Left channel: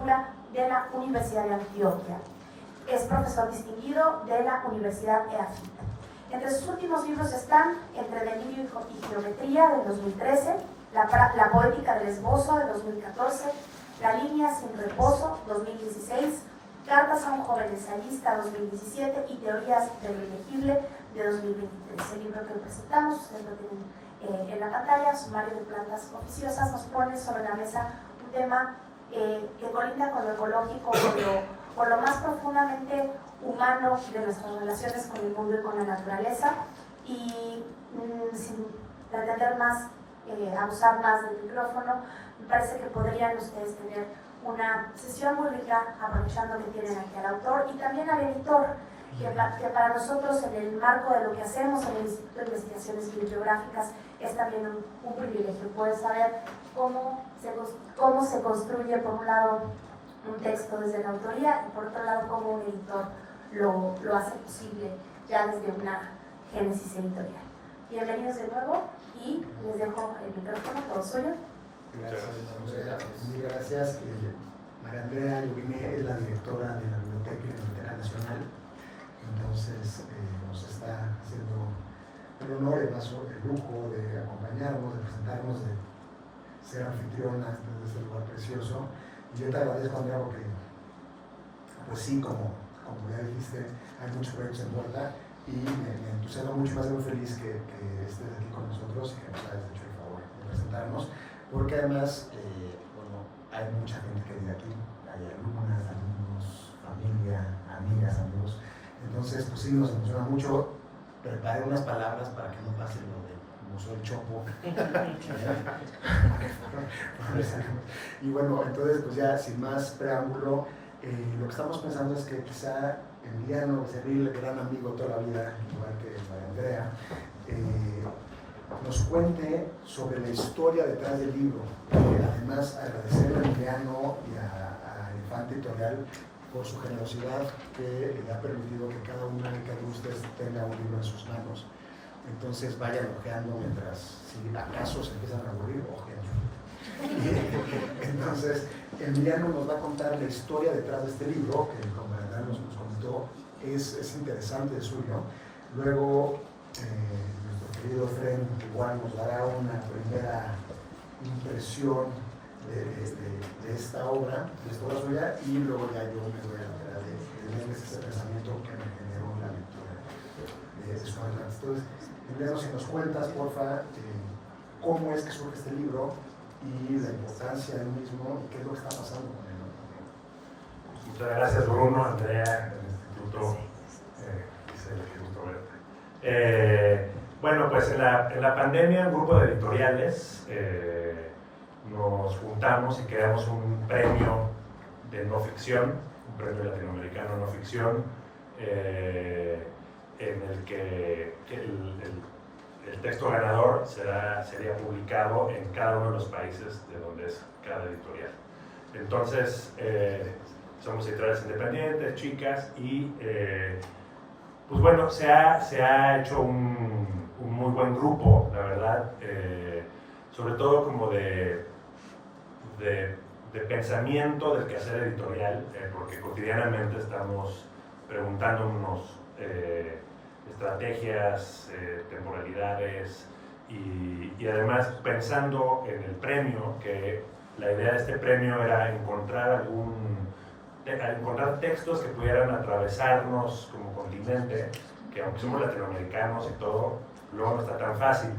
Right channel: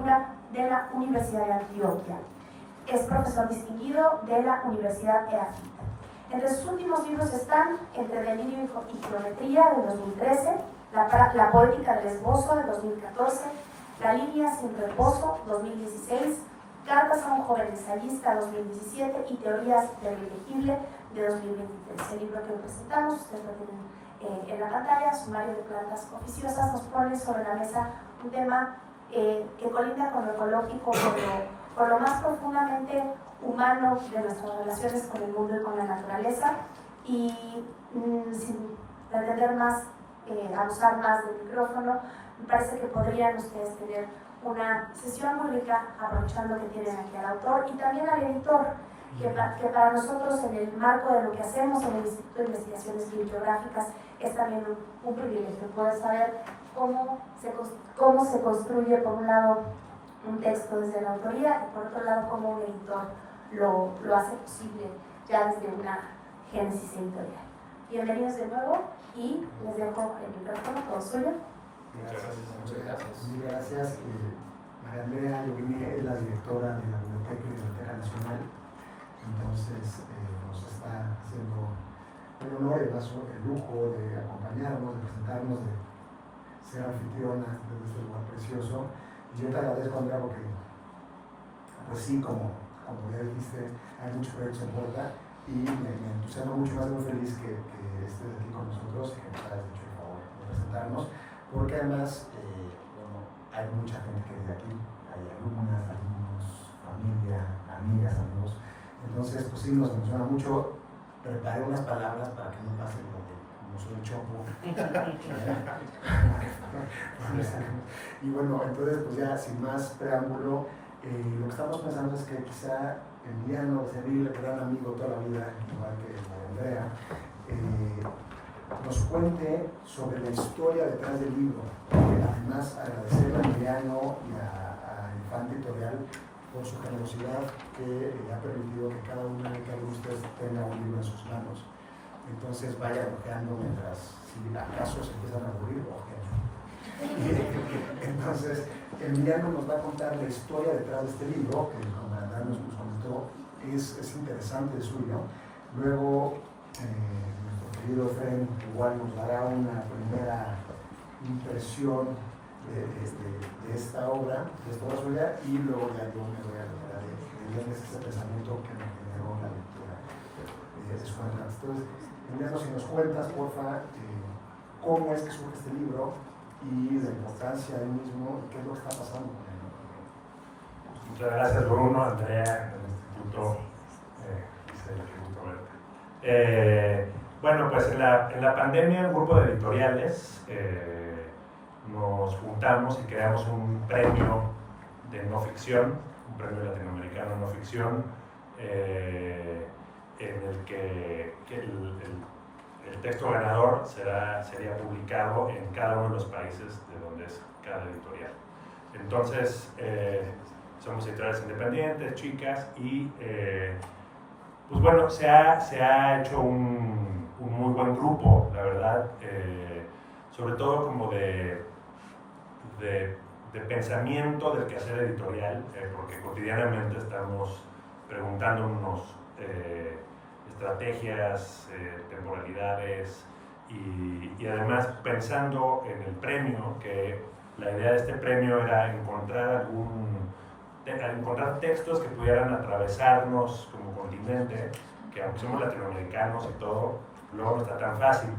Literatura de la Universidad de Antioquia. Es profesor distinguido de la Universidad EAFIT. Entre sus últimos libros están Entre delirio y geometría, de 2013, La poética del esbozo, de 2014, La línea sin reposo, 2016, Cartas a un joven ensayista, 2017, y Teorías del ilegible, de 2023. El libro que presentamos, ustedes lo tienen en la pantalla, Sumario de plantas oficiosas, nos pone sobre la mesa un tema que colinda con lo ecológico, con lo más profundamente humano de nuestras relaciones con el mundo y con la naturaleza, y sin pretender más, abusar más del micrófono, me parece que podrían ustedes tener una sesión muy rica, aprovechando que tienen aquí al autor y también al editor, que para nosotros, en el marco de lo que hacemos en el Instituto de Investigaciones Bibliográficas, es también un privilegio poder saber cómo se construye, por un lado, un texto desde la autoría, y por otro lado, cómo un editor lo hace posible ya desde una génesis editorial. Bienvenidos de nuevo, y les dejo el micrófono, todo suyo. Muchas gracias. María Andrea Lubini es la directora de la Biblioteca y Biblioteca Nacional, entonces nos está haciendo el honor y el lujo de acompañarnos, de presentarnos, de ser anfitriona de este lugar precioso. Y yo te agradezco, Andrea, porque pues sí, como ya dijiste, hay muchos proyectos en puerta, y me entusiasma mucho, más muy feliz que estés aquí con nosotros, que nos hayas hecho el favor de presentarnos, porque además hay mucha gente que es de aquí, hay alumnas, alumnos, familia, amigas, amigos. Entonces, pues sí, nos emociona mucho. Preparé unas palabras para que no pase lo de no soy chopo. Y bueno, entonces, pues ya sin más preámbulo, lo que estamos pensando es que quizá Emiliano Becerril, el gran amigo toda la vida, igual que María Andrea, nos cuente sobre la historia detrás del libro. Además, agradecerle a Emiliano y a Infante Editorial por su generosidad, que le ha permitido que cada uno de ustedes tenga un libro en sus manos. Entonces vayan ojeando mientras, si acaso se empiezan a aburrir, entonces Emiliano nos va a contar la historia detrás de este libro, que como Andrea nos comentó, es interesante, es suyo. Luego nuestro querido Efraín igual nos dará una primera impresión de esta obra suya, y luego ya yo me voy a encargar de ese pensamiento que me generó la lectura de sus obras. Entonces, Emiliano, si nos cuentas, porfa, cómo es que surge este libro y la importancia del mismo, y qué es lo que está pasando con él. Muchas gracias, Bruno, Andrea, el Instituto, qué gusto verte. Bueno, pues en la pandemia, un grupo de editoriales nos juntamos y creamos un premio de no ficción, un premio latinoamericano de no ficción, en el que el texto ganador sería publicado en cada uno de los países de donde es cada editorial. Entonces, somos editoriales independientes, chicas, y pues bueno, se ha hecho un muy buen grupo, la verdad, sobre todo como de pensamiento del quehacer editorial, porque cotidianamente estamos preguntándonos estrategias, temporalidades, y además pensando en el premio, que la idea de este premio era encontrar textos que pudieran atravesarnos como continente, que aunque somos latinoamericanos y todo, luego no está tan fácil,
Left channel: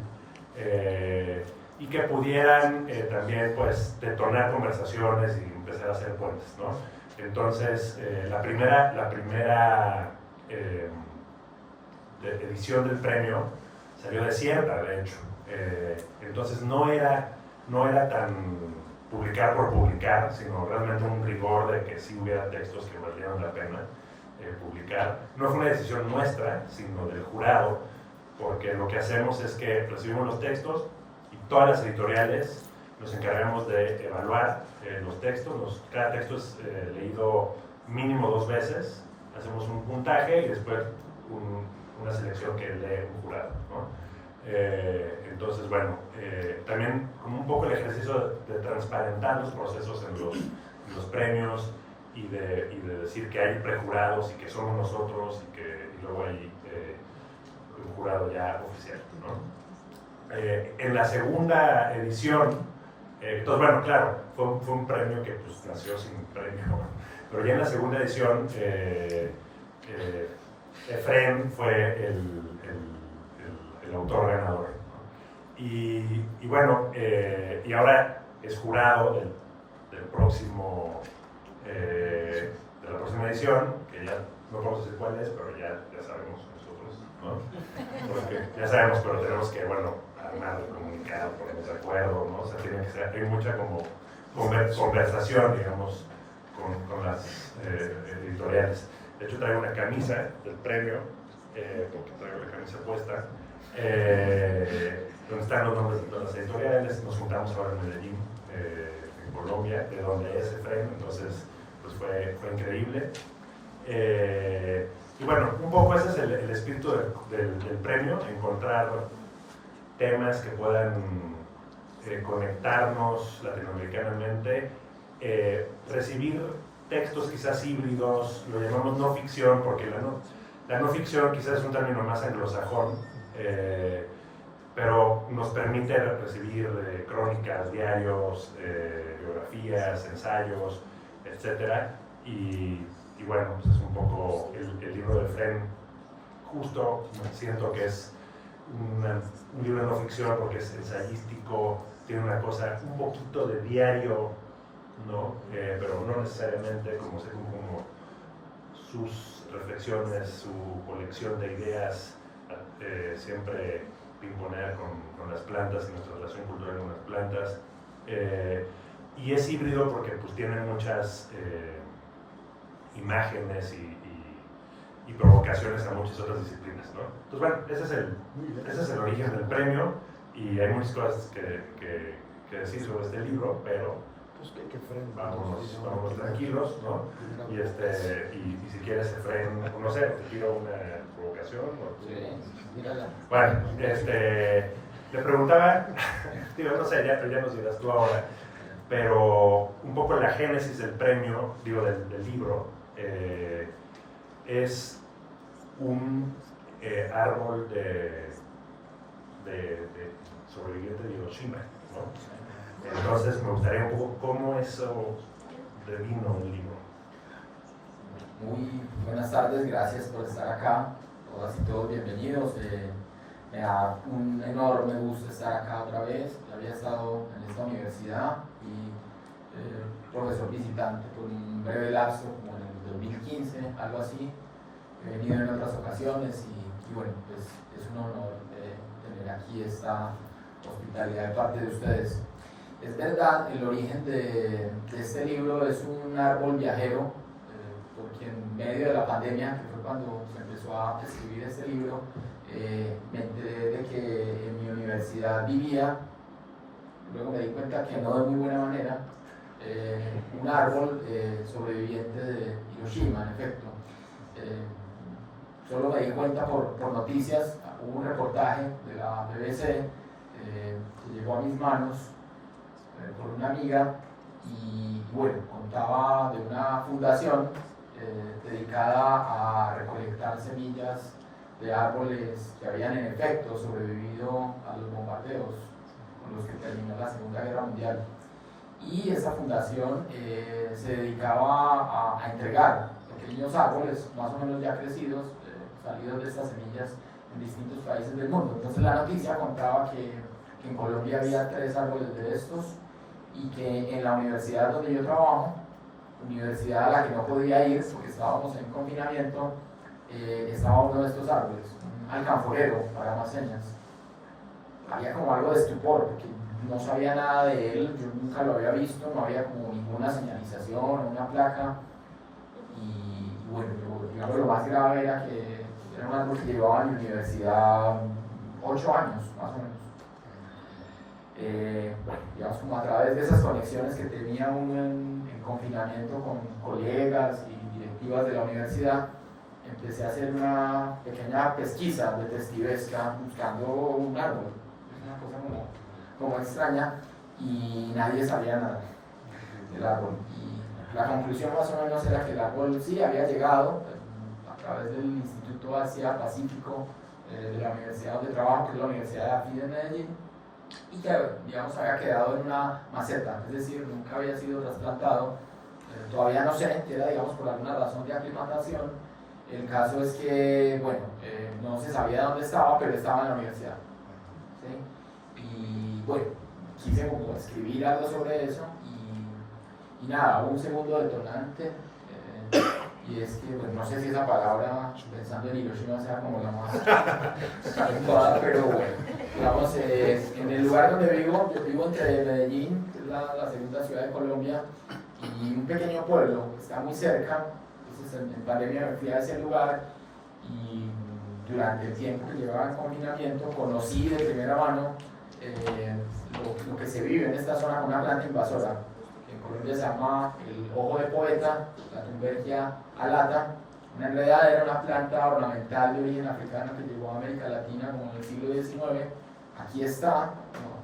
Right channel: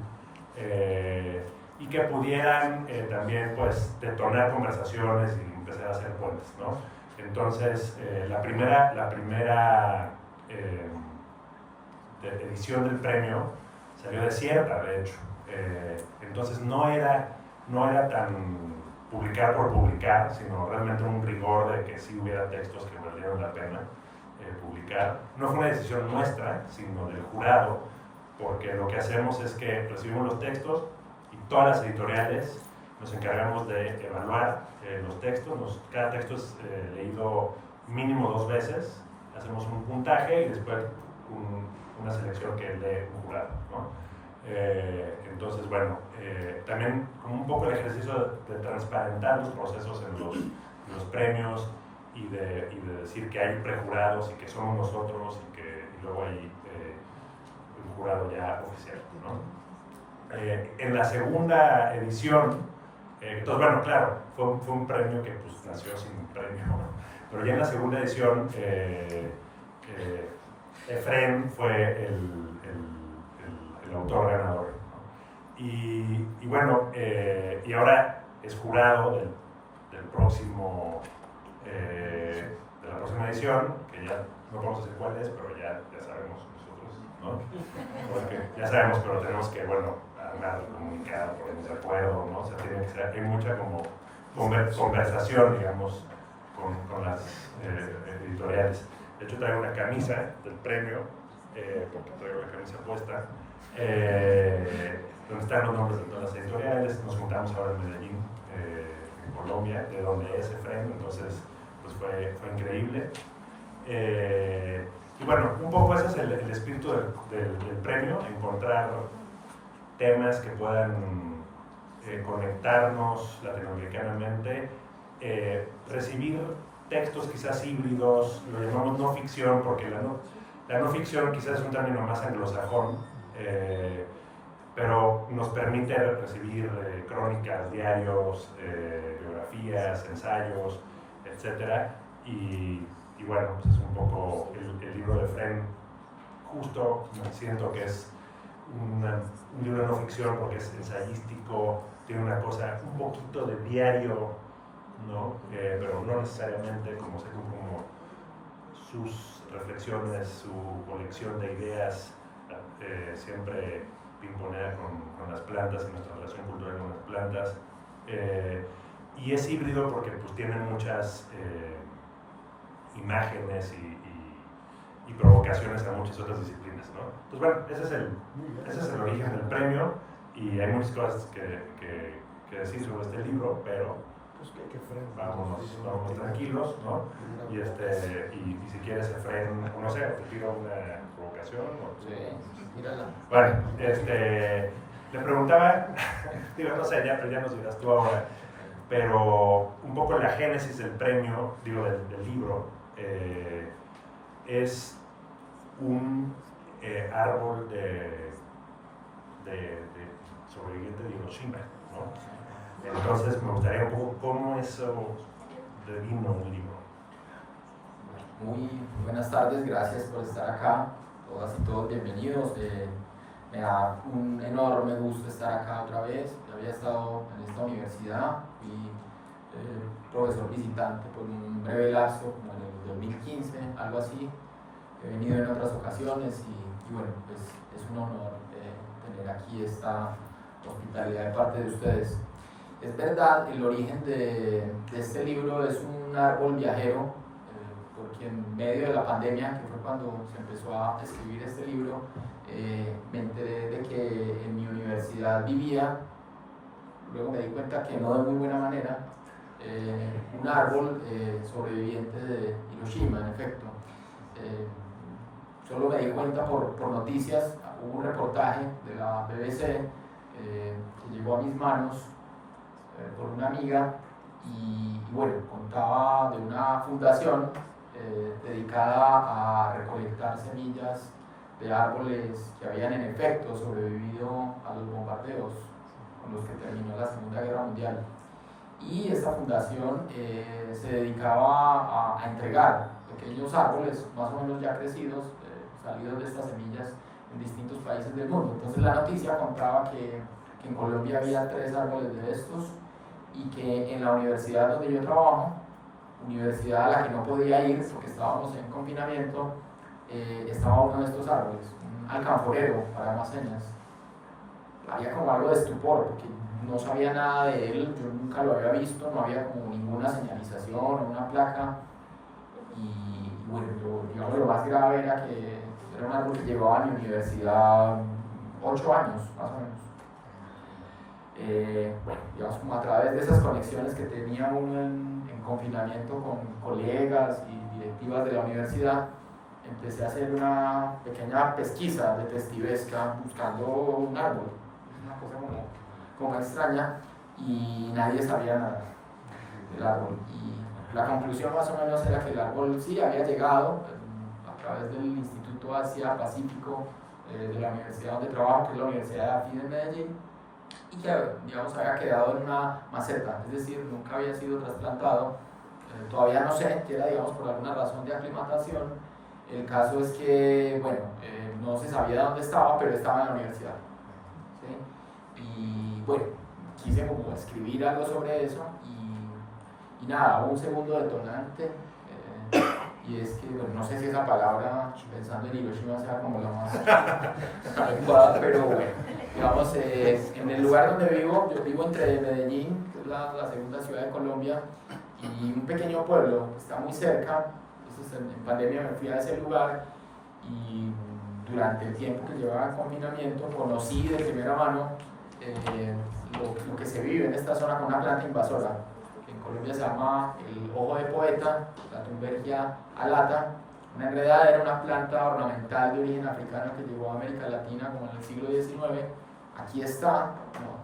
y que pudieran también pues detonar conversaciones y empezar a hacer puentes, ¿no? Entonces, la primera edición del premio salió desierta, de hecho. Entonces no era tan publicar por publicar, sino realmente un rigor de que sí hubiera textos que valieran la pena publicar. No fue una decisión nuestra, sino del jurado, porque lo que hacemos es que recibimos los textos y todas las editoriales nos encargamos de evaluar los textos. Cada texto es leído mínimo 2 veces, hacemos un puntaje y después una selección que lee un jurado, ¿no? Entonces, bueno, también como un poco el ejercicio de transparentar los procesos en los premios y de decir que hay prejurados y que somos nosotros y luego hay un jurado ya oficial, ¿no? En la segunda edición, entonces bueno, claro, fue un premio que pues nació sin premio, ¿no? Pero ya en la segunda edición Efrén fue el autor ganador. Y bueno, y ahora es jurado del próximo, de la próxima edición, que ya no podemos decir cuál es, pero ya sabemos nosotros, ¿no? Porque ya sabemos, pero tenemos que, bueno, armar el comunicado, ponernos de acuerdo, ¿no? O sea, tiene que ser, hay mucha como conversación, digamos, con las editoriales. De hecho, traigo una camisa del premio, porque traigo la camisa puesta, donde están los nombres de todas las editoriales. Nos juntamos ahora en Medellín, en Colombia, de donde es Efrén, entonces pues fue increíble. Y bueno, un poco ese es el espíritu del premio, encontrar temas que puedan conectarnos latinoamericanamente, recibir textos quizás híbridos, lo llamamos no ficción, porque la no ficción quizás es un término más anglosajón, pero nos permite recibir crónicas, diarios, biografías, ensayos, etc. Y bueno, pues es un poco el libro de Efrén, justo siento que es un libro de no ficción porque es ensayístico, tiene una cosa, un poquito de diario, ¿no? Pero no necesariamente como sus reflexiones, su colección de ideas, siempre pimponer con las plantas y nuestra relación cultural con las plantas. Y es híbrido porque pues tiene muchas imágenes y provocaciones a muchas otras disciplinas, ¿no? Entonces bueno, ese es el origen del premio y hay muchas cosas que decir sobre este libro, pero vámonos tranquilos, ¿no? Y si quieres, Efrén, no sé, te tiro una provocación. Sí, mírala. Bueno, le preguntaba, digo, no sé, ya nos dirás tú ahora, pero un poco la génesis del premio, digo, del libro, es un árbol de sobreviviente de Hiroshima, ¿no? Entonces me gustaría un poco cómo eso devino el libro. Muy buenas tardes, gracias por estar acá, todas y todos bienvenidos. Me da un enorme gusto estar acá otra vez. Ya había estado en esta universidad y profesor visitante por un breve lapso, como en el 2015, algo así. He venido en otras ocasiones y bueno, pues es un honor tener aquí esta hospitalidad de parte de ustedes. Es verdad, el origen de este libro es un árbol viajero, porque en medio de la pandemia, que fue cuando se empezó a escribir este libro, me enteré de que en mi universidad vivía, luego me di cuenta que no de muy buena manera, un árbol sobreviviente de Hiroshima, en efecto. Solo me di cuenta por noticias, hubo un reportaje de la BBC que llegó a mis manos por una amiga y bueno, contaba de una fundación dedicada a recolectar semillas de árboles que habían en efecto sobrevivido a los bombardeos con los que terminó la Segunda Guerra Mundial. Y esta fundación se dedicaba a entregar pequeños árboles más o menos ya crecidos, salidos de estas semillas en distintos países del mundo. Entonces la noticia contaba que en Colombia había 3 árboles de estos y que en la universidad donde yo trabajo, universidad a la que no podía ir porque estábamos en confinamiento, estaba uno de estos árboles, un alcanforero para unas señas. Había como algo de estupor porque no sabía nada de él, yo nunca lo había visto, no había como ninguna señalización o una placa y bueno, digamos, lo más grave era que era un árbol que llevaba a mi universidad 8 años más o menos. Bueno, digamos, como a través de esas conexiones que tenía uno en confinamiento con colegas y directivas de la universidad, empecé a hacer una pequeña pesquisa de testivesca buscando un árbol. Es una cosa como extraña y nadie sabía nada del árbol. Y la conclusión más o menos era que el árbol sí había llegado a través del Instituto Asia-Pacífico de la universidad donde trabajo, que es la Universidad de la FIDE en Medellín, y que, digamos, había quedado en una maceta, es decir, nunca había sido trasplantado. Todavía no sé, que era, digamos, por alguna razón de aclimatación. El caso es que, bueno, no se sabía dónde estaba, pero estaba en la universidad, ¿sí? Y bueno, quise como escribir algo sobre eso y nada, hubo un segundo detonante, y es que, bueno, no sé si esa palabra, pensando en Hiroshima, sea como la más adecuada, pero bueno, digamos, en el lugar donde vivo, yo vivo entre Medellín, que es la segunda ciudad de Colombia, y un pequeño pueblo, está muy cerca. Entonces en pandemia me fui a ese lugar y durante el tiempo que llevaba en confinamiento conocí de primera mano lo que se vive en esta zona con una planta invasora, que en Colombia se llama el ojo de poeta, la Thunbergia alata, una enredadera, una planta ornamental de origen africano que llegó a América Latina como en el siglo XIX. Aquí está,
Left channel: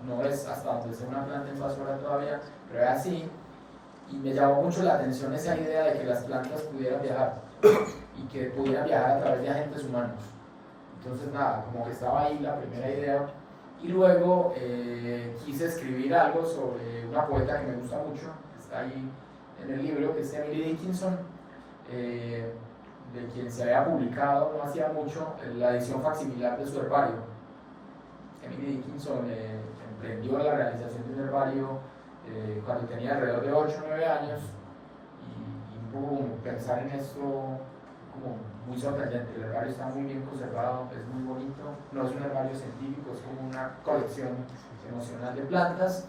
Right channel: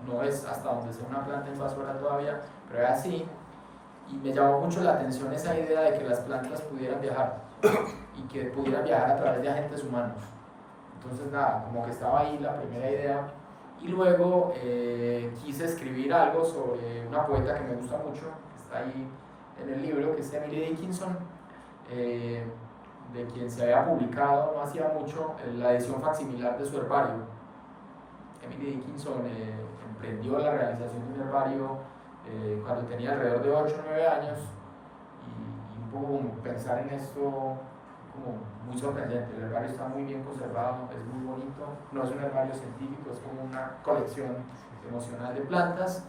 no es hasta donde sea una planta invasora todavía, pero es así. Y me llamó mucho la atención esa idea de que las plantas pudieran viajar y que pudieran viajar a través de agentes humanos. Entonces nada, como que estaba ahí la primera idea. Y luego quise escribir algo sobre una poeta que me gusta mucho, que está ahí en el libro, que es Emily Dickinson, de quien se había publicado no hacía mucho la edición facsimilar de su herbario. Emily Dickinson emprendió la realización de un herbario cuando tenía alrededor de 8 o 9 años, y un poco como pensar en esto como muy sorprendente. El herbario está muy bien conservado, es muy bonito, no es un herbario científico, es como una colección emocional de plantas.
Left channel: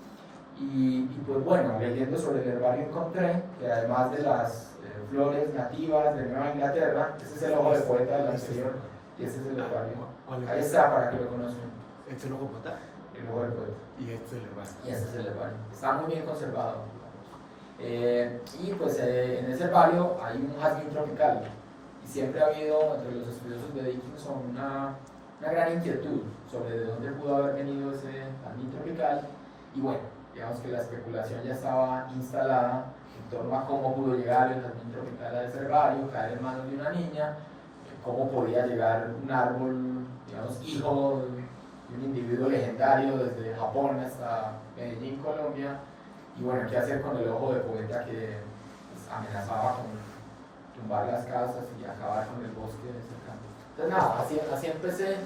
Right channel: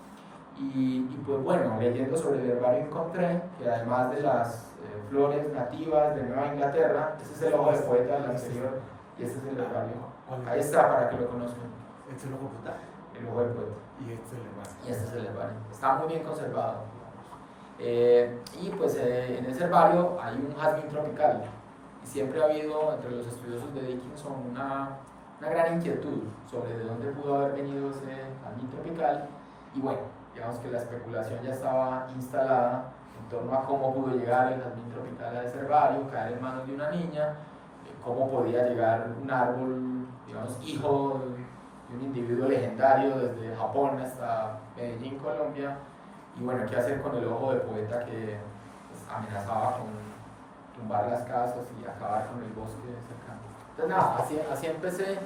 Y pues bueno, leyendo sobre el herbario encontré que además de las flores nativas de Nueva Inglaterra, ese es el ojo de poeta del anterior, y este es el herbario. Ahí está, para que lo conozcan. ¿Es el ojo poeta? El ojo de poeta. Y este es el herbario. Y este es el herbario. Está muy bien conservado. Y pues en ese herbario hay un jazmín tropical. Y siempre ha habido entre los estudiosos de Dickinson una gran inquietud sobre de dónde pudo haber venido ese jazmín tropical. Y bueno, digamos que la especulación ya estaba instalada en torno a cómo pudo llegar el jazmín tropical a ese herbario, caer en manos de una niña, cómo podía llegar un árbol, digamos, hijo de un individuo legendario desde Japón hasta Medellín, Colombia. Y bueno, qué hacer con el ojo de poeta que pues, amenazaba con tumbar las casas y acabar con el bosque cercano. Entonces nada, así empecé,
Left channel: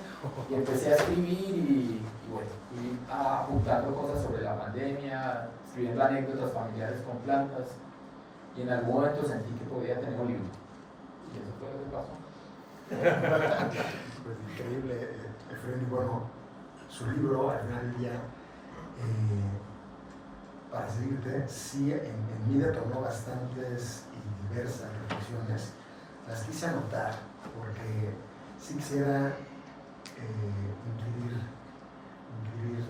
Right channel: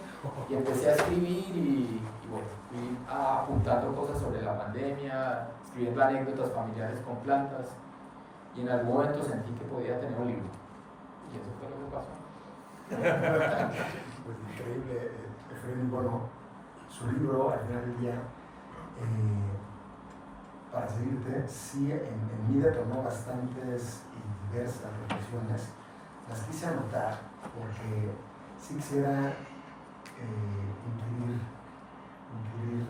y empecé a escribir y bueno, fui apuntando cosas sobre la pandemia, escribiendo anécdotas familiares con plantas, y en algún momento sentí que podía tener un libro. Y eso fue lo que pasó. Pues increíble, Efraín. Bueno, su libro, al final del día, para seguirte, sí, en mí detonó bastantes y diversas reflexiones. Las quise anotar porque sí quisiera incluir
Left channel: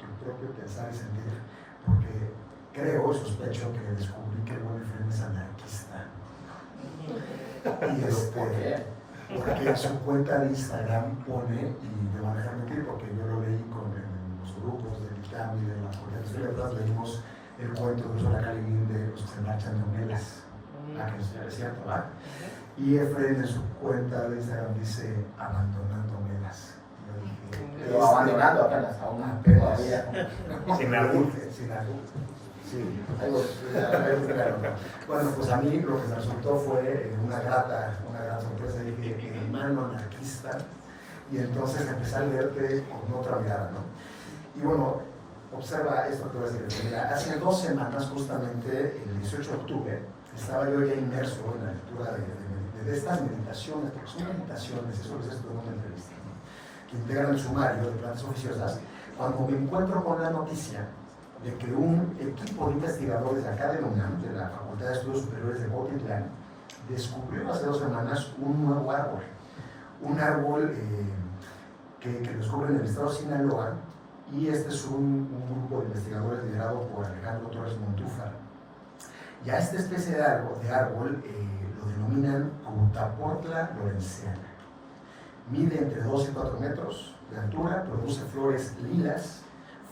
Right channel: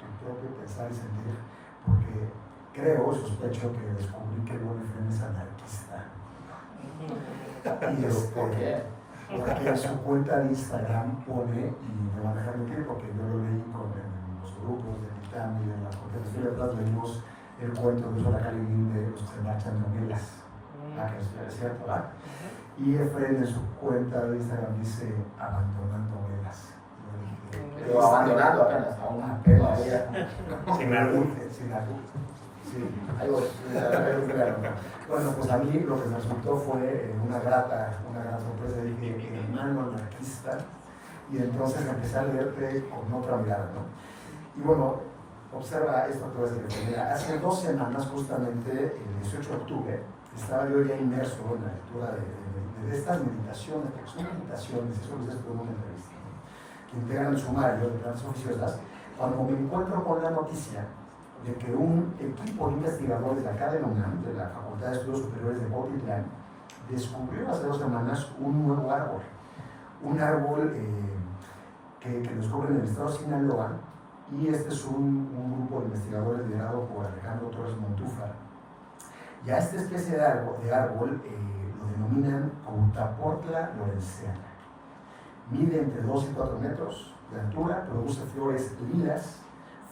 tu propio pensar y sentir, porque creo, sospecho que descubrí que el buen Efraín es anarquista. Y ¿Por qué? Porque en su cuenta de Instagram pone, y me van a dejar mentir porque yo lo leí en los grupos de Titán y de las conferencias, leímos el cuento de Zola Calibín de los que se marchan en velas, que es cierto, ¿verdad? Y Efraín en su cuenta de Instagram dice abandonando velas. Pero abandonando apenas, aún todavía. Sin albur. Sin albur. Sí. Ahí voy. Bueno, pues a mí lo que me resultó fue una gran sorpresa. Dije, hermano anarquista, y entonces empecé a leerte con otra mirada, ¿no? Y bueno, observa esto que voy a decir. Mira, hace 2 semanas, justamente el 18 de octubre, estaba yo ya inmerso en la lectura de estas meditaciones, porque son meditaciones, eso lo sé por una entrevista, ¿no?, que integran el sumario de plantas oficiosas. Cuando me encuentro con la noticia de que un equipo de investigadores de acá de la UNAM, de la Facultad de Estudios Superiores de Cuautitlán, descubrió hace 2 semanas un nuevo árbol. Un árbol que descubre en el estado de Sinaloa, y este es un grupo de investigadores liderado por Alejandro Torres Montúfar. Y a esta especie de árbol lo denominan Crutaportla lorenziana. Mide entre 2 y 4 metros de altura, produce flores lilas,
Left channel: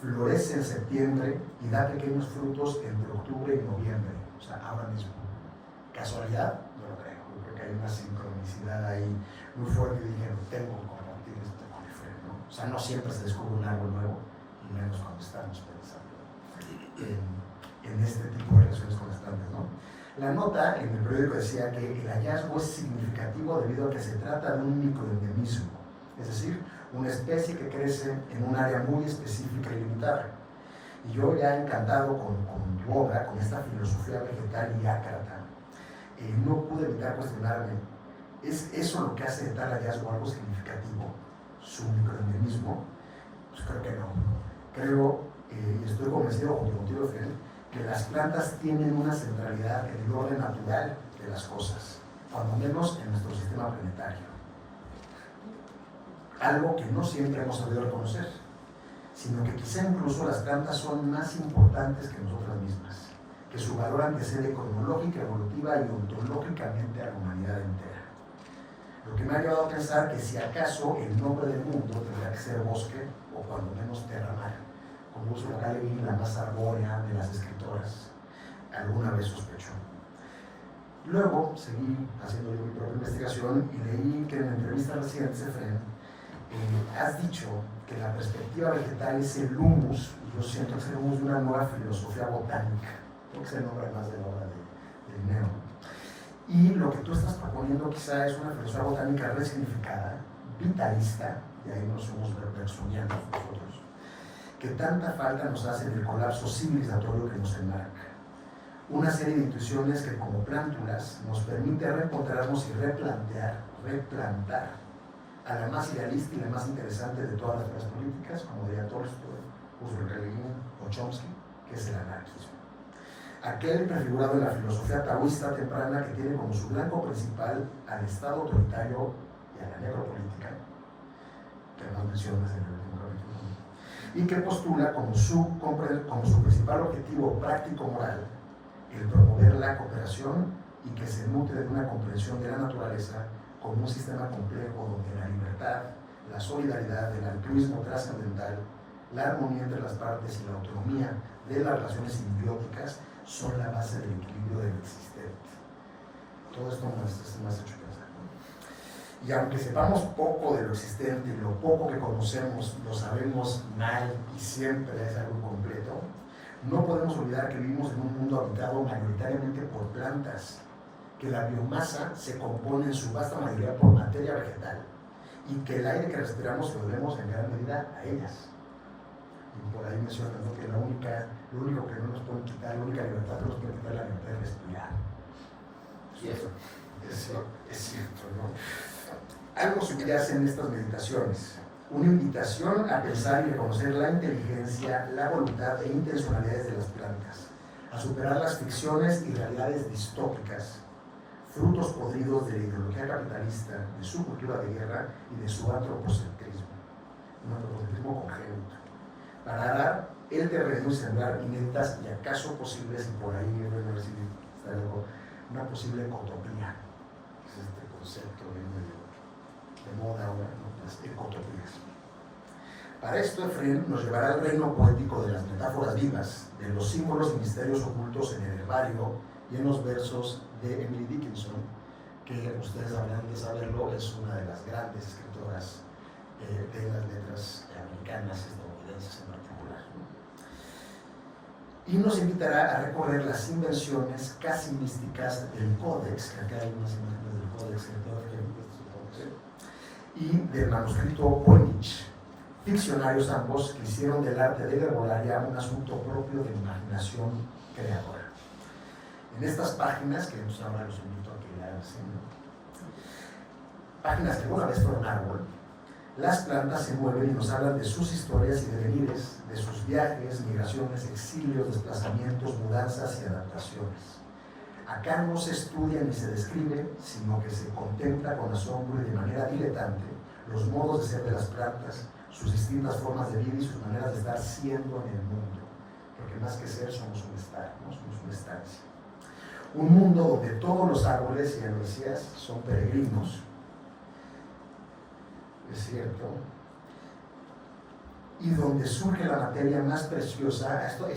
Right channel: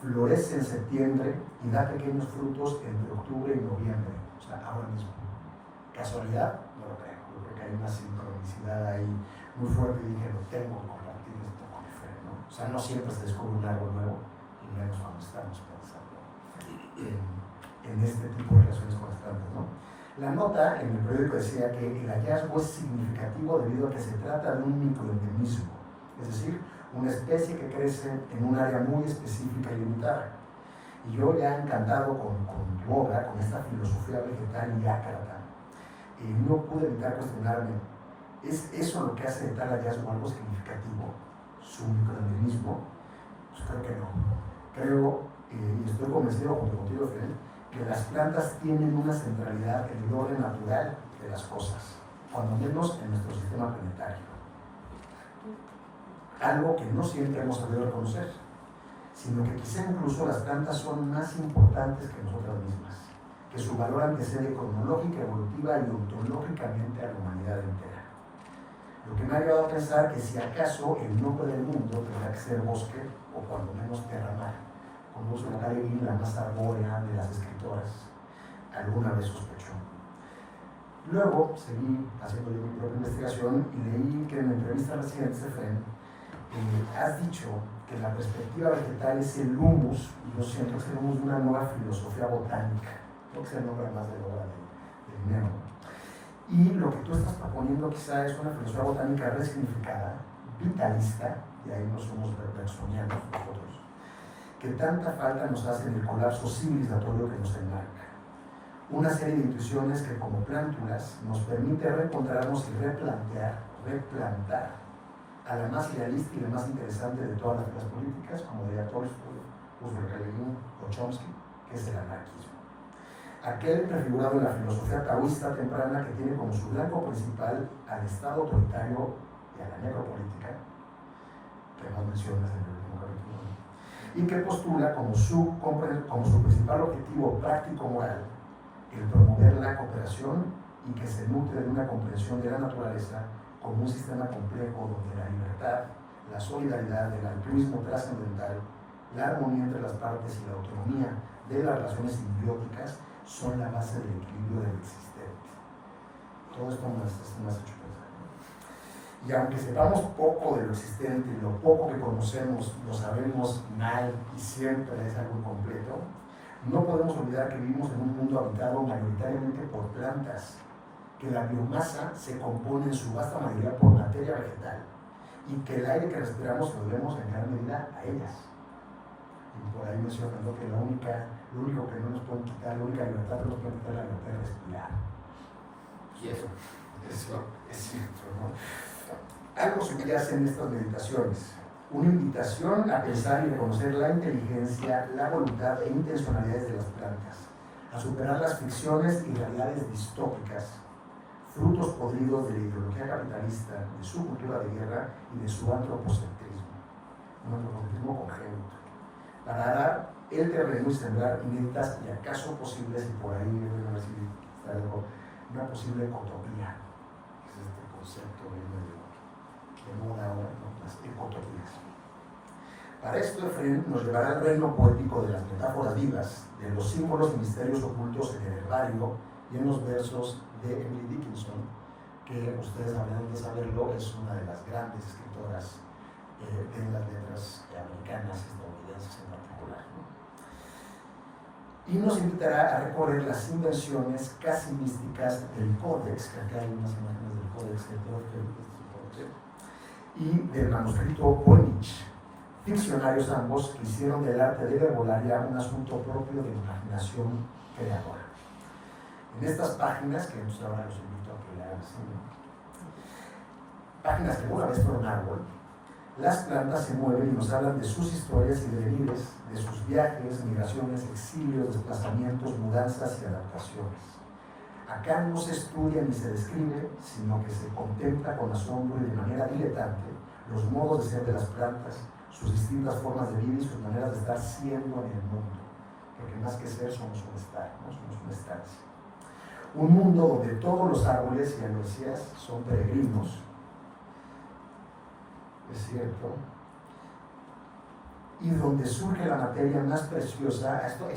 florece en septiembre y da pequeños frutos entre octubre y noviembre. O sea, ahora mismo. ¿Casualidad? No lo creo. Yo creo que hay una sincronicidad ahí muy fuerte y dije, tengo que compartir esto con Efraín, ¿no? O sea, no siempre se descubre un árbol nuevo, y menos cuando estamos pensando en este tipo de relaciones con las plantas, ¿no? La nota en el periódico decía que el hallazgo es significativo debido a que se trata de un microendemismo, es decir, una especie que crece en un área muy específica y limitada. Y yo ya encantado con tu obra, con esta filosofía vegetal y ácrata, no pude evitar cuestionarme, ¿es eso lo que hace de tal hallazgo algo significativo? ¿Su microendemismo? Pues creo que no. Creo, y estoy convencido junto contigo, Felipe, que las plantas tienen una centralidad en el orden natural de las cosas, cuando menos en nuestro sistema planetario. Algo que no siempre hemos sabido reconocer, sino que quizá incluso las plantas son más importantes que nosotras mismas, que su valor antecede cronológica, evolutiva y ontológicamente a la humanidad entera. Lo que me ha llevado a pensar que si acaso el nombre del mundo tendrá que ser bosque, o cuando menos terramar, como Ursula K. Le Guin, la más arbórea de las escritoras, alguna vez sospechó. Luego seguí haciendo mi propia investigación y leí que en la entrevista reciente, Efraín, has dicho que la perspectiva vegetal es el humus, y yo siento que es el humus de una nueva filosofía botánica, creo que se nombra más de la obra de Linné. Y lo que tú estás proponiendo quizá es una filosofía botánica resignificada, vitalista, y ahí nos somos bergsonianos nosotros, que tanta falta nos hace del colapso civilizatorio que nos enmarca. Una serie de intuiciones que como plántulas nos permite reencontrarnos y replantar a la más idealista y la más interesante de todas las políticas, como diría Tolstoy, Ursula K. Le Guin o Chomsky, que es el anarquismo. Aquel prefigurado en la filosofía taoísta temprana que tiene como su blanco principal al Estado autoritario y a la necropolítica, que más mencionas en el último capítulo, y que postula como su principal objetivo práctico-moral el promover la cooperación y que se nutre de una comprensión de la naturaleza como un sistema complejo donde la libertad, la solidaridad, el altruismo trascendental, la armonía entre las partes y la autonomía de las relaciones simbióticas son la base del equilibrio del existente. Todo esto nos ha hecho pensar. Y aunque sepamos poco de lo existente y lo poco que conocemos lo sabemos mal y siempre es algo incompleto, no podemos olvidar que vivimos en un mundo habitado mayoritariamente por plantas, que la biomasa se compone en su vasta mayoría por materia vegetal y que el aire que respiramos lo debemos en gran medida a ellas. Y por ahí mencionando que lo único que no nos pueden quitar, la única libertad que nos puede quitar es la libertad de respirar. Y eso Es cierto, ¿no? Algo subyace en estas meditaciones. Una invitación a pensar y reconocer la inteligencia, la voluntad e intencionalidades de las plantas, a superar las ficciones y realidades distópicas, frutos podridos de la ideología capitalista, de su cultura de guerra y de su antropocentrismo, un antropocentrismo congénito, para arar el terreno y sembrar inéditas y acaso posibles, y por ahí voy a decir, una posible ecotopía, que es este concepto de moda ahora, ¿no? Las ecotopías. Para esto, Efraín nos llevará al reino poético de las metáforas vivas, de los símbolos y misterios ocultos en el herbario y en los versos de Emily Dickinson, que ustedes habrán de saberlo, es una de las grandes escritoras de las letras americanas, estadounidenses en particular, ¿no? Y nos invitará a recorrer las invenciones casi místicas del Códex, que acá hay unas imágenes del Códex, y del manuscrito Voynich, ficcionarios ambos que hicieron del arte de la herbolaria un asunto propio de imaginación creadora. En estas páginas, que ahora los invito a que lean, páginas que una vez fueron árbol, las plantas se mueven y nos hablan de sus historias y devenires, de sus viajes, migraciones, exilios, desplazamientos, mudanzas y adaptaciones. Acá no se estudia ni se describe, sino que se contempla con asombro y de manera diletante los modos de ser de las plantas, sus distintas formas de vida y sus maneras de estar siendo en el mundo. Porque más que ser, somos un estar, ¿no? Somos una estancia. Un mundo donde todos los árboles, y las decías, son peregrinos. Es cierto. y donde surge la materia más preciosa. Esto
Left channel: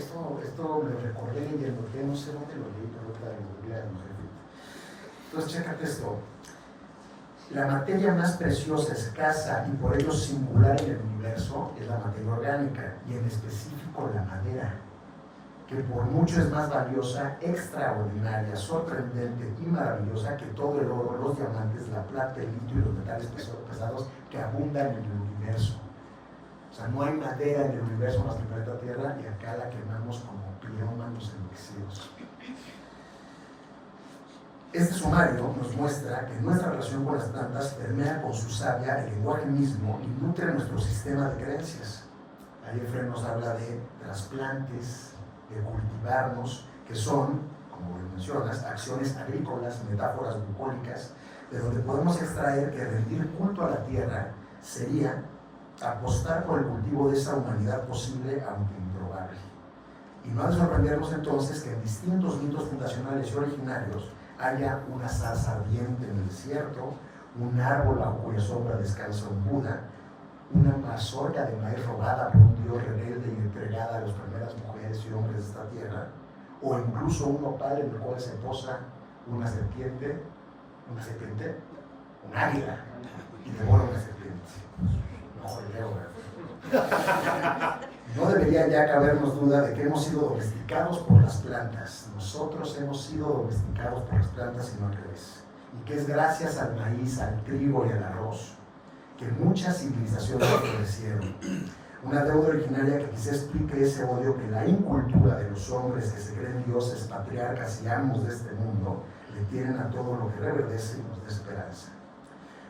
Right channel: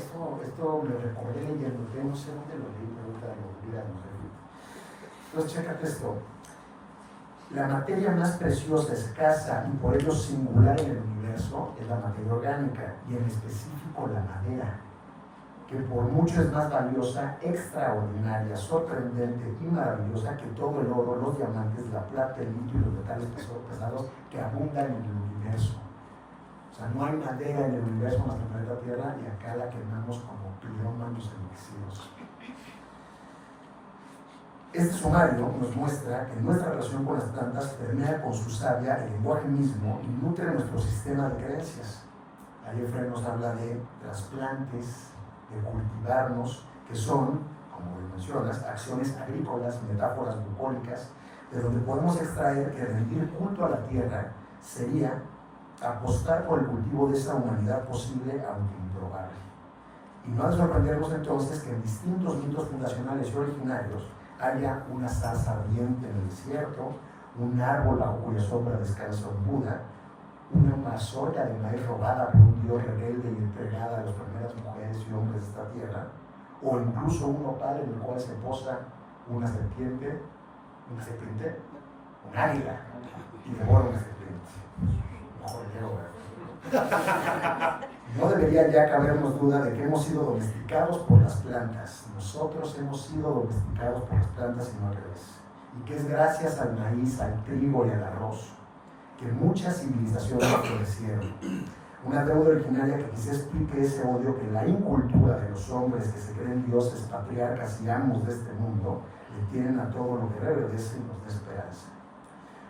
lo recordé leyendo, que no sé dónde lo leí, pero lo voy a repetir. Entonces, chécate esto. La materia más preciosa, escasa y por ello singular en el universo es la materia orgánica, y en específico la madera, que por mucho es más valiosa, extraordinaria, sorprendente y maravillosa que todo el oro, los diamantes, la plata, el litio y los metales pesados que abundan en el universo. O sea, no hay madera en el universo más que el planeta Tierra, y acá la quemamos como pirómanos enloquecidos. Este sumario nos muestra que nuestra relación con las plantas permea con su savia el lenguaje mismo y nutre nuestro sistema de creencias. Ahí Efrén nos habla de trasplantes, de cultivarnos, que son, como mencionas, acciones agrícolas, metáforas bucólicas, de donde podemos extraer que rendir culto a la tierra sería apostar por el cultivo de esa humanidad posible, aunque improbable. Y no es sorprendernos entonces que en distintos mitos fundacionales y originarios haya una zarza ardiente en el desierto, un árbol bajo cuya sombra descansa un Buda, una mazorca de maíz robada por un dios rebelde y entregada a las primeras mujeres y hombres de esta tierra, o incluso un nopal en el cual se posa una serpiente, un águila, y devora una serpiente. No debería ya cabernos duda de que hemos sido domesticados por las plantas. Nosotros hemos sido domesticados por las plantas y no al revés. Y que es gracias al maíz, al trigo y al arroz que muchas civilizaciones florecieron. Una deuda originaria que quizá explique ese odio que la incultura de los hombres que se creen dioses, patriarcas y amos de este mundo le tienen a todo lo que reverdece y nos da esperanza.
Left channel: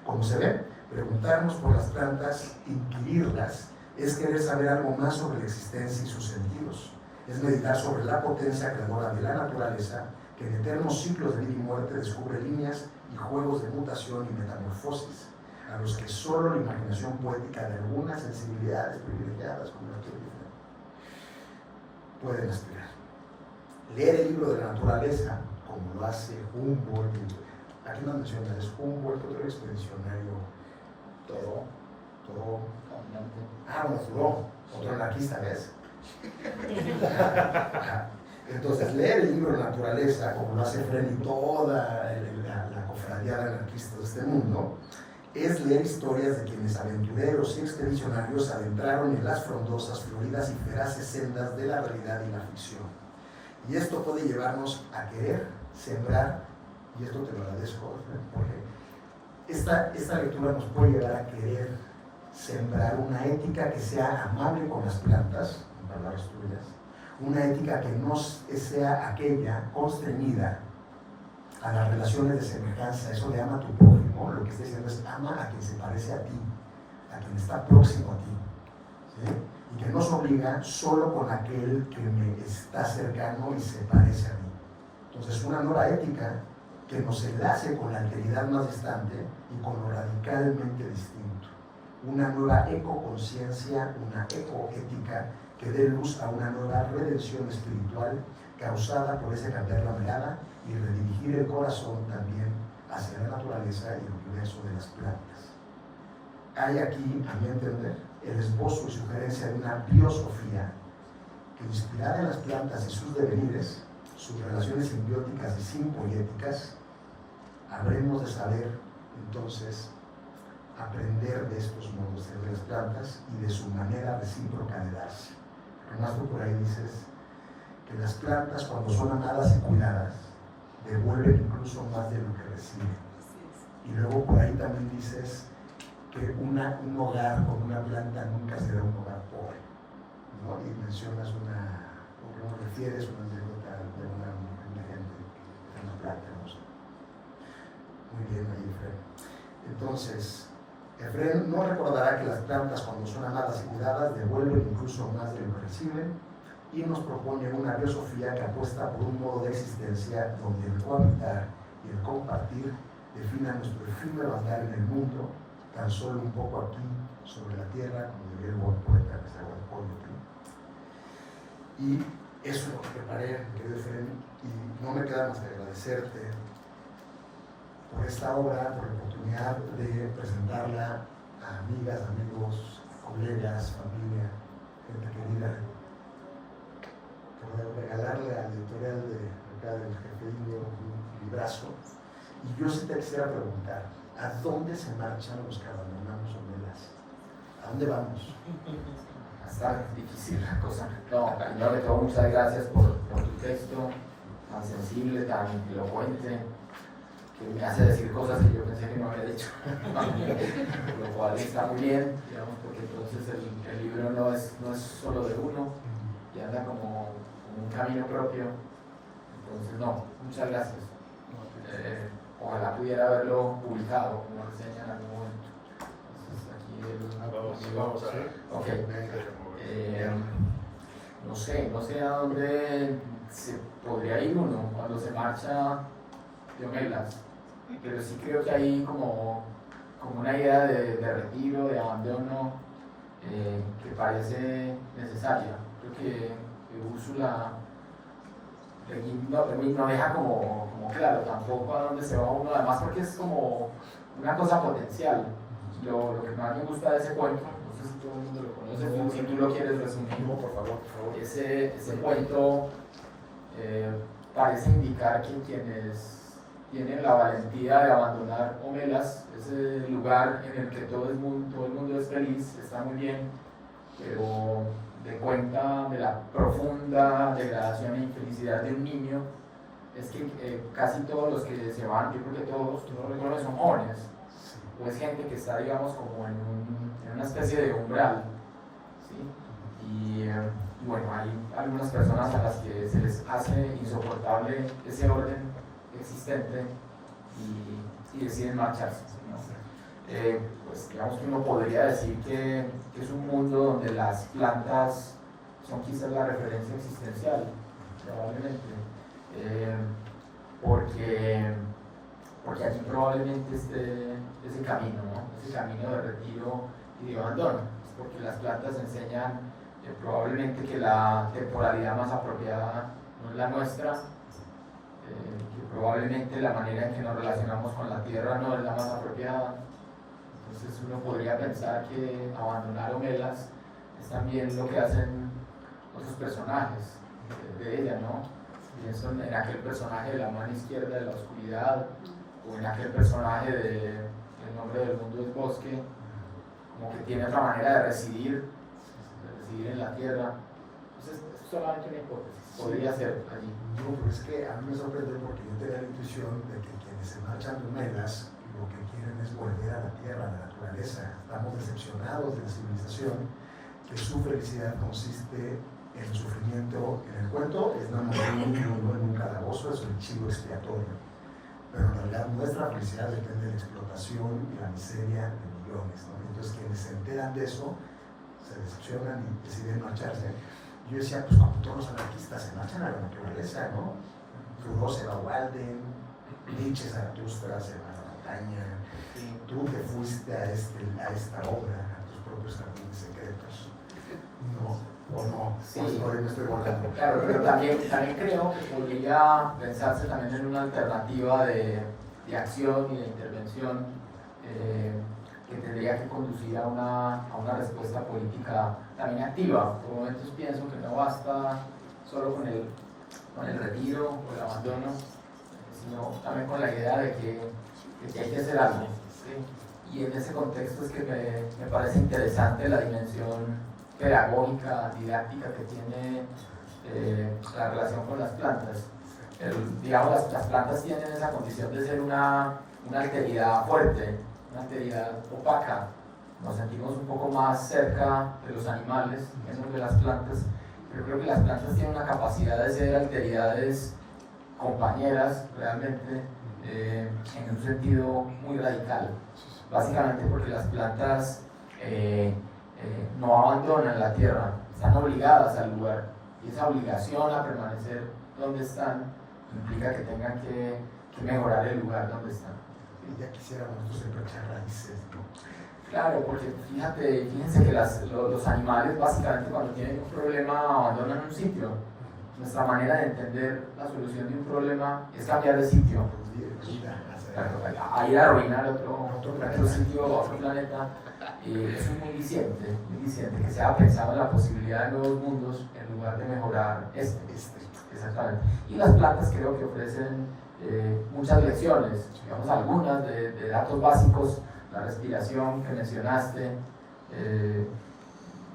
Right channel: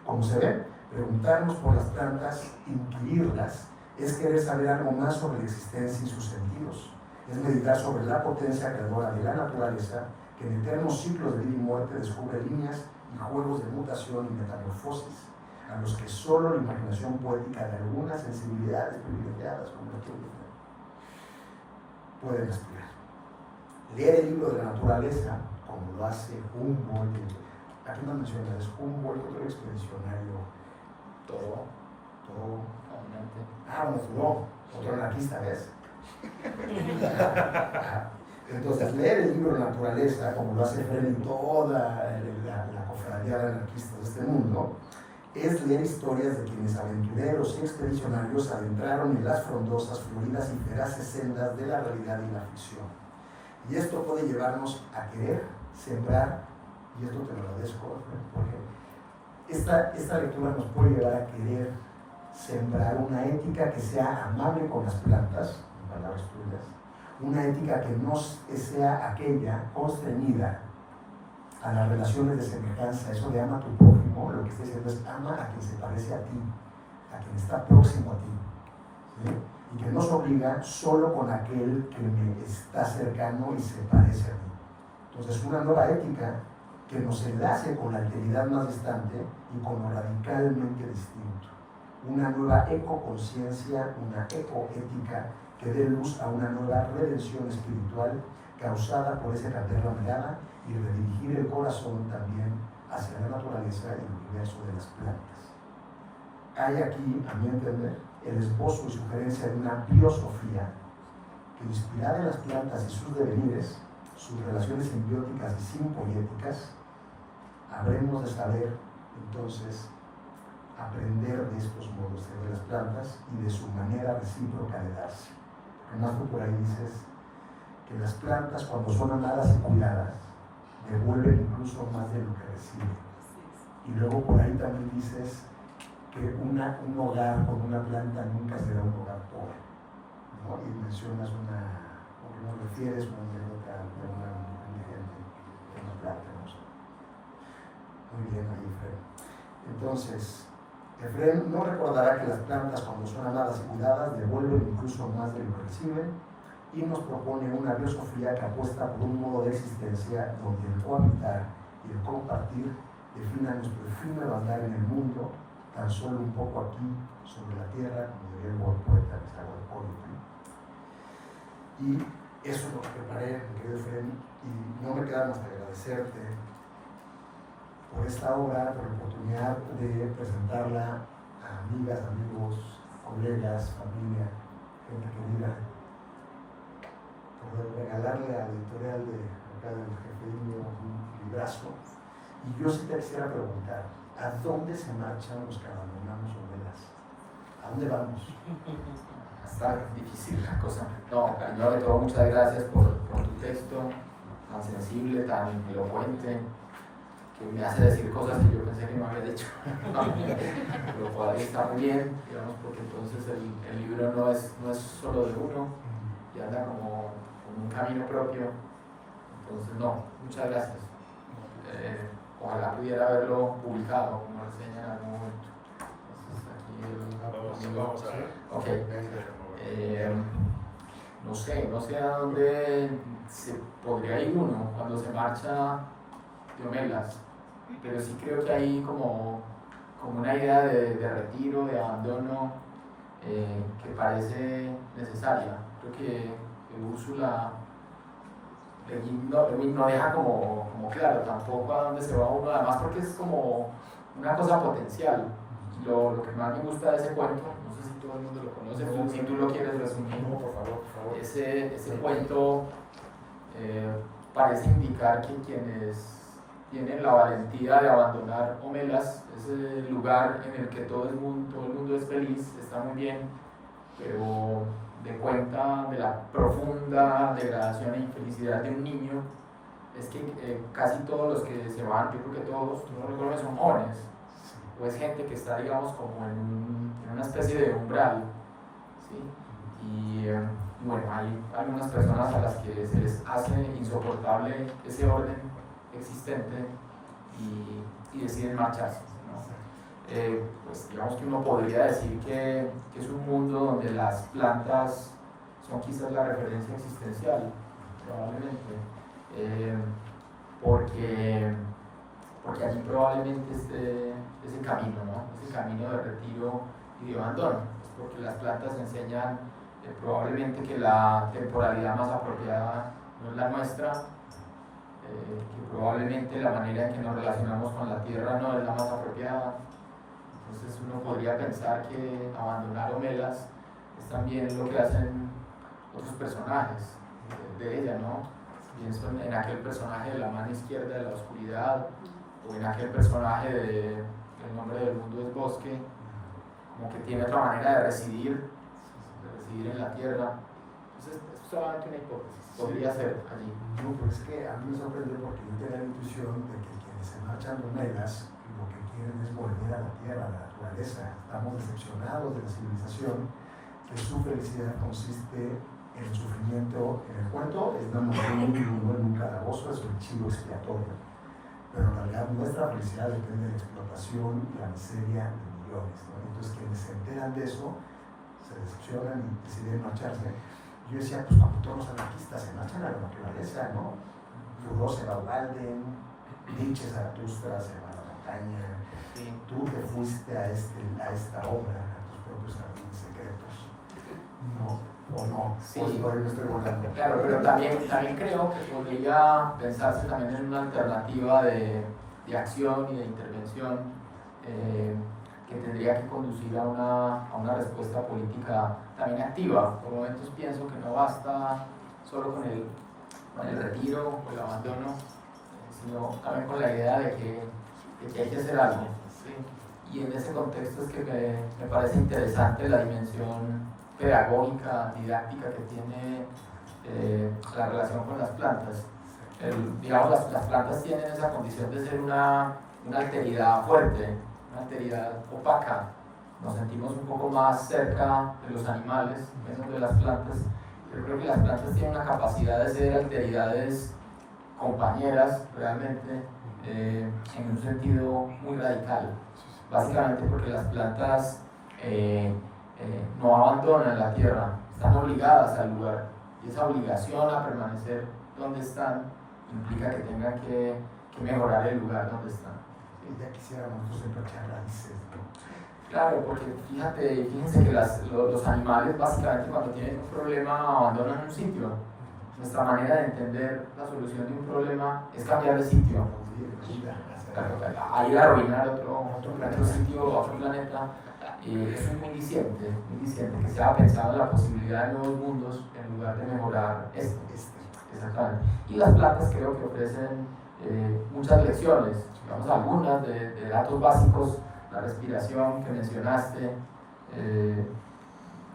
Como se ve, preguntarnos por las plantas, inquirirlas, es querer saber algo más sobre la existencia y sus sentidos. Es meditar sobre la potencia creadora de la naturaleza, que en eternos ciclos de vida y muerte descubre líneas y juegos de mutación y metamorfosis, a los que solo la imaginación poética de algunas sensibilidades privilegiadas como el que pueden aspirar. Leer el libro de la naturaleza, como lo hace Humboldt, aquí no menciona, es Humboldt, otro expedicionario, todo, otro anarquista, ¿ves? Entonces, leer el libro de la naturaleza, como lo hace Efrén y toda la cofradía anarquista de este mundo, es leer historias de quienes aventureros y expedicionarios adentraron en las frondosas, floridas y feraces sendas de la realidad y la ficción. Y esto puede llevarnos a querer sembrar, y esto te lo agradezco, porque esta lectura nos puede llevar a querer sembrar una ética que sea amable con las plantas, en palabras tuyas, una ética que no sea aquella constreñida a las relaciones de semejanza, eso de ama a tu prójimo, lo que está diciendo es ama a quien se parece a ti, a quien está próximo a ti, ¿sí? Y que no se obliga solo con aquel que me está cercano y se parece a mí. Entonces, una nueva ética que nos enlace con la alteridad más distante y con lo radicalmente distinto. Una nueva ecoconciencia, una ecoética que dé luz a una nueva redención espiritual causada por ese cambiar la mirada y redirigir el corazón también hacia la naturaleza y el universo de las plantas. Hay aquí, a mi entender, el esbozo y sugerencia de una biosofía que, inspirada en las plantas y sus devenires, sus relaciones simbióticas y simpoéticas, habremos de saber entonces aprender de estos modos de las plantas y de su manera recíproca de darse. Además, tú por ahí dices que las plantas, cuando son amadas y cuidadas, devuelven incluso más de lo que reciben. Y luego por ahí también dices que un hogar con una planta nunca será un hogar pobre, ¿no? Y mencionas o refieres una anécdota con un ejemplo de una planta, ¿no? Muy bien, ahí, Efrén. Entonces, Efrén no recordará que las plantas, cuando son amadas y cuidadas, devuelven incluso más de lo que reciben, y nos propone una biosofía que apuesta por un modo de existencia donde el cohabitar y el compartir definan nuestro efímero andar en el mundo, tan solo un poco aquí sobre la tierra, como diría el buen poeta Y eso es lo que preparé, mi querido Efrén, y no me queda más que agradecerte por esta obra, por la oportunidad de presentarla a amigas, amigos, colegas, familia, gente querida, por regalarle a la editorial de acá del Jefilio un librazo. Y yo sí te quisiera preguntar, ¿a dónde se marchan los que abandonamos Omelas? ¿A dónde vamos? Está difícil la cosa. No, primero de todo, muchas gracias por tu texto tan sensible, tan elocuente, que me hace decir cosas que yo pensé que no había dicho. Lo cual está muy bien, digamos, porque entonces el libro no es solo de uno, y anda como un camino propio. Entonces, no, muchas gracias. Ojalá pudiera haberlo publicado, como reseña en algún momento. Entonces, aquí Vamos a... Ok. No sé a dónde se podría ir uno cuando se marcha de Omelas, pero sí creo que hay como una idea de retiro, de abandono, que parece necesaria. Creo que Úrsula no deja como claro tampoco a dónde se va uno, además porque es como una cosa potencial. Lo que más me gusta de ese cuento, no sé si todo el mundo lo conoce, si tú lo quieres resumir, por favor. ese cuento parece indicar que quienes tienen la valentía de abandonar Omelas, ese lugar en el que todo el mundo es feliz, está muy bien, pero de cuenta de la profunda degradación e infelicidad de un niño, es que casi todos los que se van, yo creo que todos los jóvenes son jóvenes, o es gente que está, digamos, como en una especie de umbral, ¿sí? Y bueno, hay algunas personas a las que se les hace insoportable ese orden existente y deciden marcharse, ¿no? Pues digamos que uno podría decir que es un mundo donde las plantas son quizás la referencia existencial, probablemente, porque allí probablemente esté ese camino, ¿no? Ese camino de retiro y de abandono, porque las plantas enseñan probablemente que la temporalidad más apropiada no es la nuestra, que probablemente la manera en que nos relacionamos con la tierra no es la más apropiada. Entonces uno podría pensar que abandonar Omelas es también lo que hacen otros personajes de ella, ¿no? Pienso en aquel personaje de la mano izquierda de la oscuridad, o en aquel personaje de El nombre del mundo es bosque, como que tiene otra manera de residir en la tierra. Entonces es solamente una hipótesis, podría ser allí. No, pero es que a mí me sorprende porque yo tengo la intuición de que quienes se marchan de Omelas lo que quieren es volver a la tierra, a la naturaleza. Estamos decepcionados de la civilización, que su felicidad consiste en el sufrimiento. En el cuento es una mujer en un calabozo, es un chivo expiatorio. Pero en realidad nuestra felicidad depende de la explotación y la miseria de millones, ¿no? Entonces quienes se enteran de eso se decepcionan y deciden marcharse. Yo decía, pues cuando todos los anarquistas se marchan a la naturaleza, ¿no? Thoreau se va a Walden, Nietzsche, Zaratustra se va a la montaña. Sí. Tú te fuiste a esta obra, a tus propios jardines secretos. No, o no. Sí. Pues por ahí me estoy volando. Claro, pero también creo que podría pensarse también en una alternativa de acción y de intervención que tendría que conducir a una respuesta política también activa. Por momentos pienso que no basta solo con el retiro o el abandono, sino también con la idea de que hay que hacer algo, ¿sí? Y en ese contexto es que me parece interesante la dimensión pedagógica, didáctica que tiene la relación con las plantas. Digamos, las plantas tienen esa condición de ser una alteridad fuerte, una alteridad opaca. Nos sentimos un poco más cerca de los animales, menos de las plantas, pero creo que las plantas tienen una capacidad de ser alteridades compañeras realmente, en un sentido muy radical, básicamente porque las plantas no abandonan la tierra, están obligadas al lugar, y esa obligación a permanecer donde están implica que tengan que mejorar el lugar donde están. Y ya quisiéramos nosotros echar raíces, ¿no? Claro, porque fíjense que los animales básicamente cuando tienen un problema abandonan un sitio. Nuestra manera de entender la solución de un problema es cambiar de sitio. a ir a arruinar otro sitio, otro planeta. Es muy diciente que se haya pensado en la posibilidad de nuevos mundos en lugar de mejorar este. Exactamente. Y las plantas creo que ofrecen muchas lecciones, digamos algunas de datos básicos, la respiración que mencionaste,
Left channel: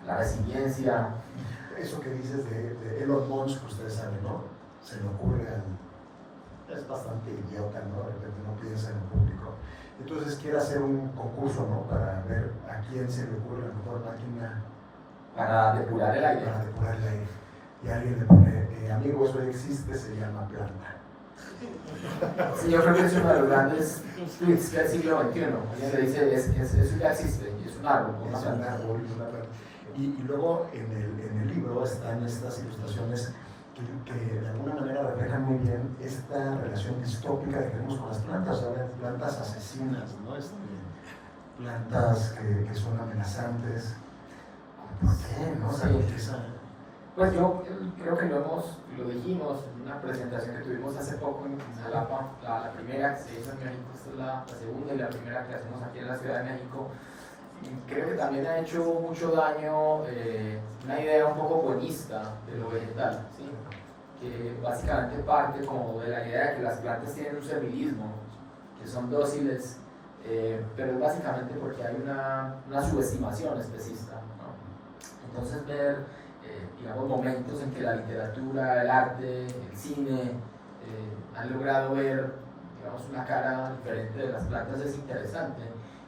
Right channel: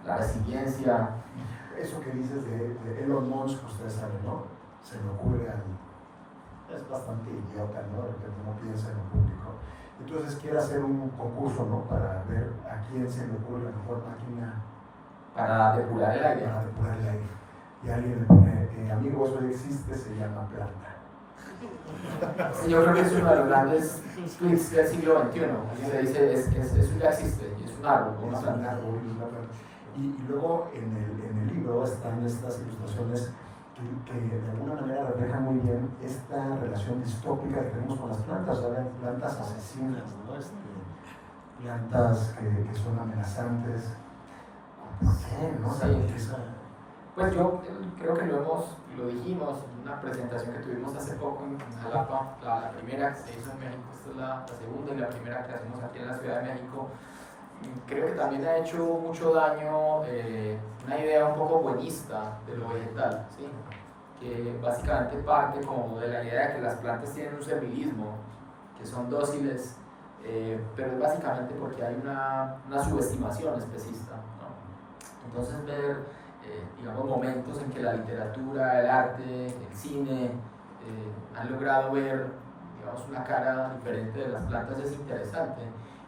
la resiliencia. Eso que dices de Elon Musk, ustedes saben, ¿no? Se me ocurre es bastante idiota, ¿no? Porque no piensa en el público. Entonces quiere hacer un concurso, ¿no? Para ver a quién se le ocurre la mejor máquina para depurar el aire. Para depurar el aire. Y alguien le pone, amigos, hoy existe, se llama planta. Sí, yo creo que es uno de los grandes tweets del siglo XXI. Se dice, eso ya existe, es un árbol. Es un árbol, y luego en el libro están estas ilustraciones que de alguna manera reflejan muy bien esta relación distópica que tenemos con las plantas, ahora plantas asesinas, ¿no? Plantas que son amenazantes. Sí, ¿no? Sí. Pues yo creo que lo dijimos en una presentación que tuvimos hace poco en Jalapa, la primera que se hizo en México, esta es la segunda y la primera que hacemos aquí en la Ciudad de México. Y creo que también ha hecho mucho daño una idea un poco buenista de lo vegetal, ¿sí? Que básicamente parte como de la idea de que las plantas tienen un servilismo, que son dóciles, pero es básicamente porque hay una subestimación especista, ¿no? Entonces ver digamos, momentos en que la literatura, el arte, el cine han logrado ver, digamos, una cara diferente de las plantas es interesante.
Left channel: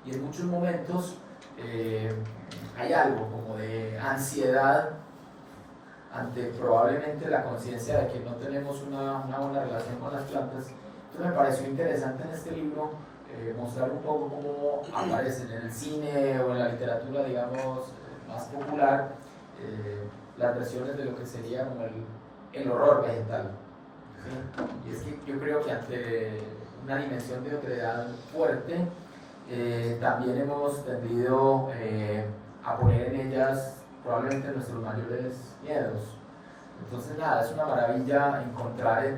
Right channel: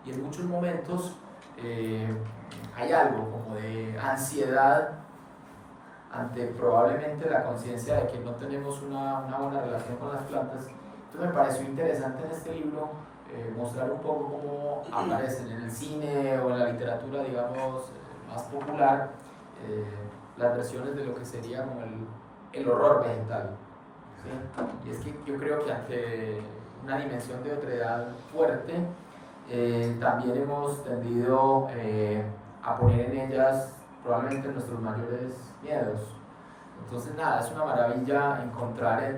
Y en muchos momentos hay algo como de ansiedad ante probablemente la conciencia de que no tenemos una buena relación con las plantas. Entonces me pareció interesante en este libro mostrar un poco cómo aparecen en el cine o en la literatura, digamos, más popular, las versiones de lo que sería como el horror vegetal, ¿sí? Y es que yo creo que ante una dimensión de otredad fuerte, también hemos tendido a poner en ellas probablemente nuestros mayores miedos. Entonces nada, es una maravilla encontrar en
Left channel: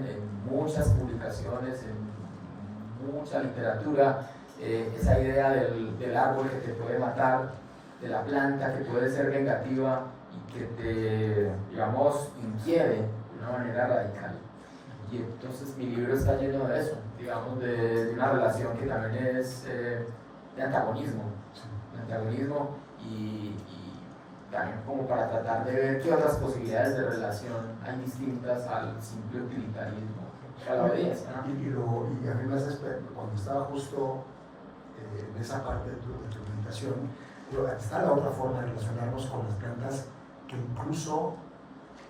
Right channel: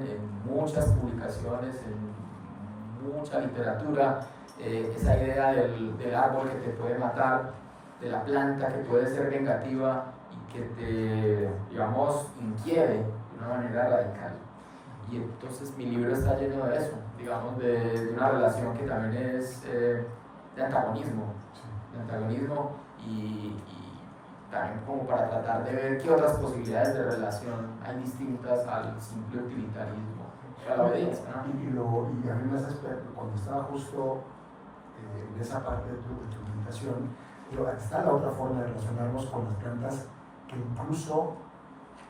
muchas publicaciones, en mucha literatura, esa idea del árbol que te puede matar, de la planta que puede ser vengativa y que te, digamos, inquiere de una manera radical. Y entonces mi libro está lleno de eso, digamos, de una relación que también es de antagonismo y también como para tratar de ver qué otras posibilidades de relación hay distintas al simple utilitarismo, a la obediencia, ¿no? Y además cuando estaba justo en esa parte de tu presentación, está la otra forma de relacionarnos con las plantas que incluso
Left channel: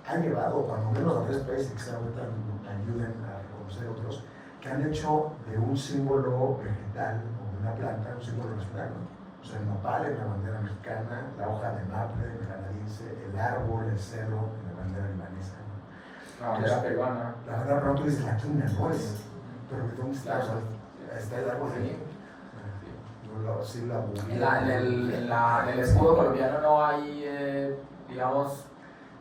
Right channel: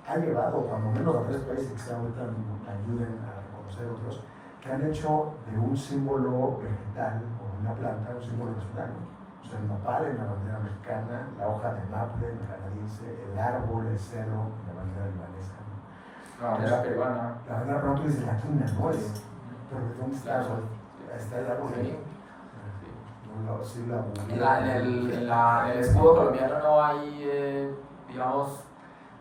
han llevado, cuando menos a 3 países que ahorita me ayuden a reconocer otros, que han hecho de un símbolo vegetal o de una planta un símbolo nacional, ¿no? O sea, el nopal en la bandera mexicana, la hoja de maple en la canadiense, el árbol, el cedro en la bandera libanesa. La bandera peruana. La bandera peruana, tú dices la quina, ¿no? Pero ¿dónde está? Está el árbol. Sí, en el escudo colombiano no hay, digamos,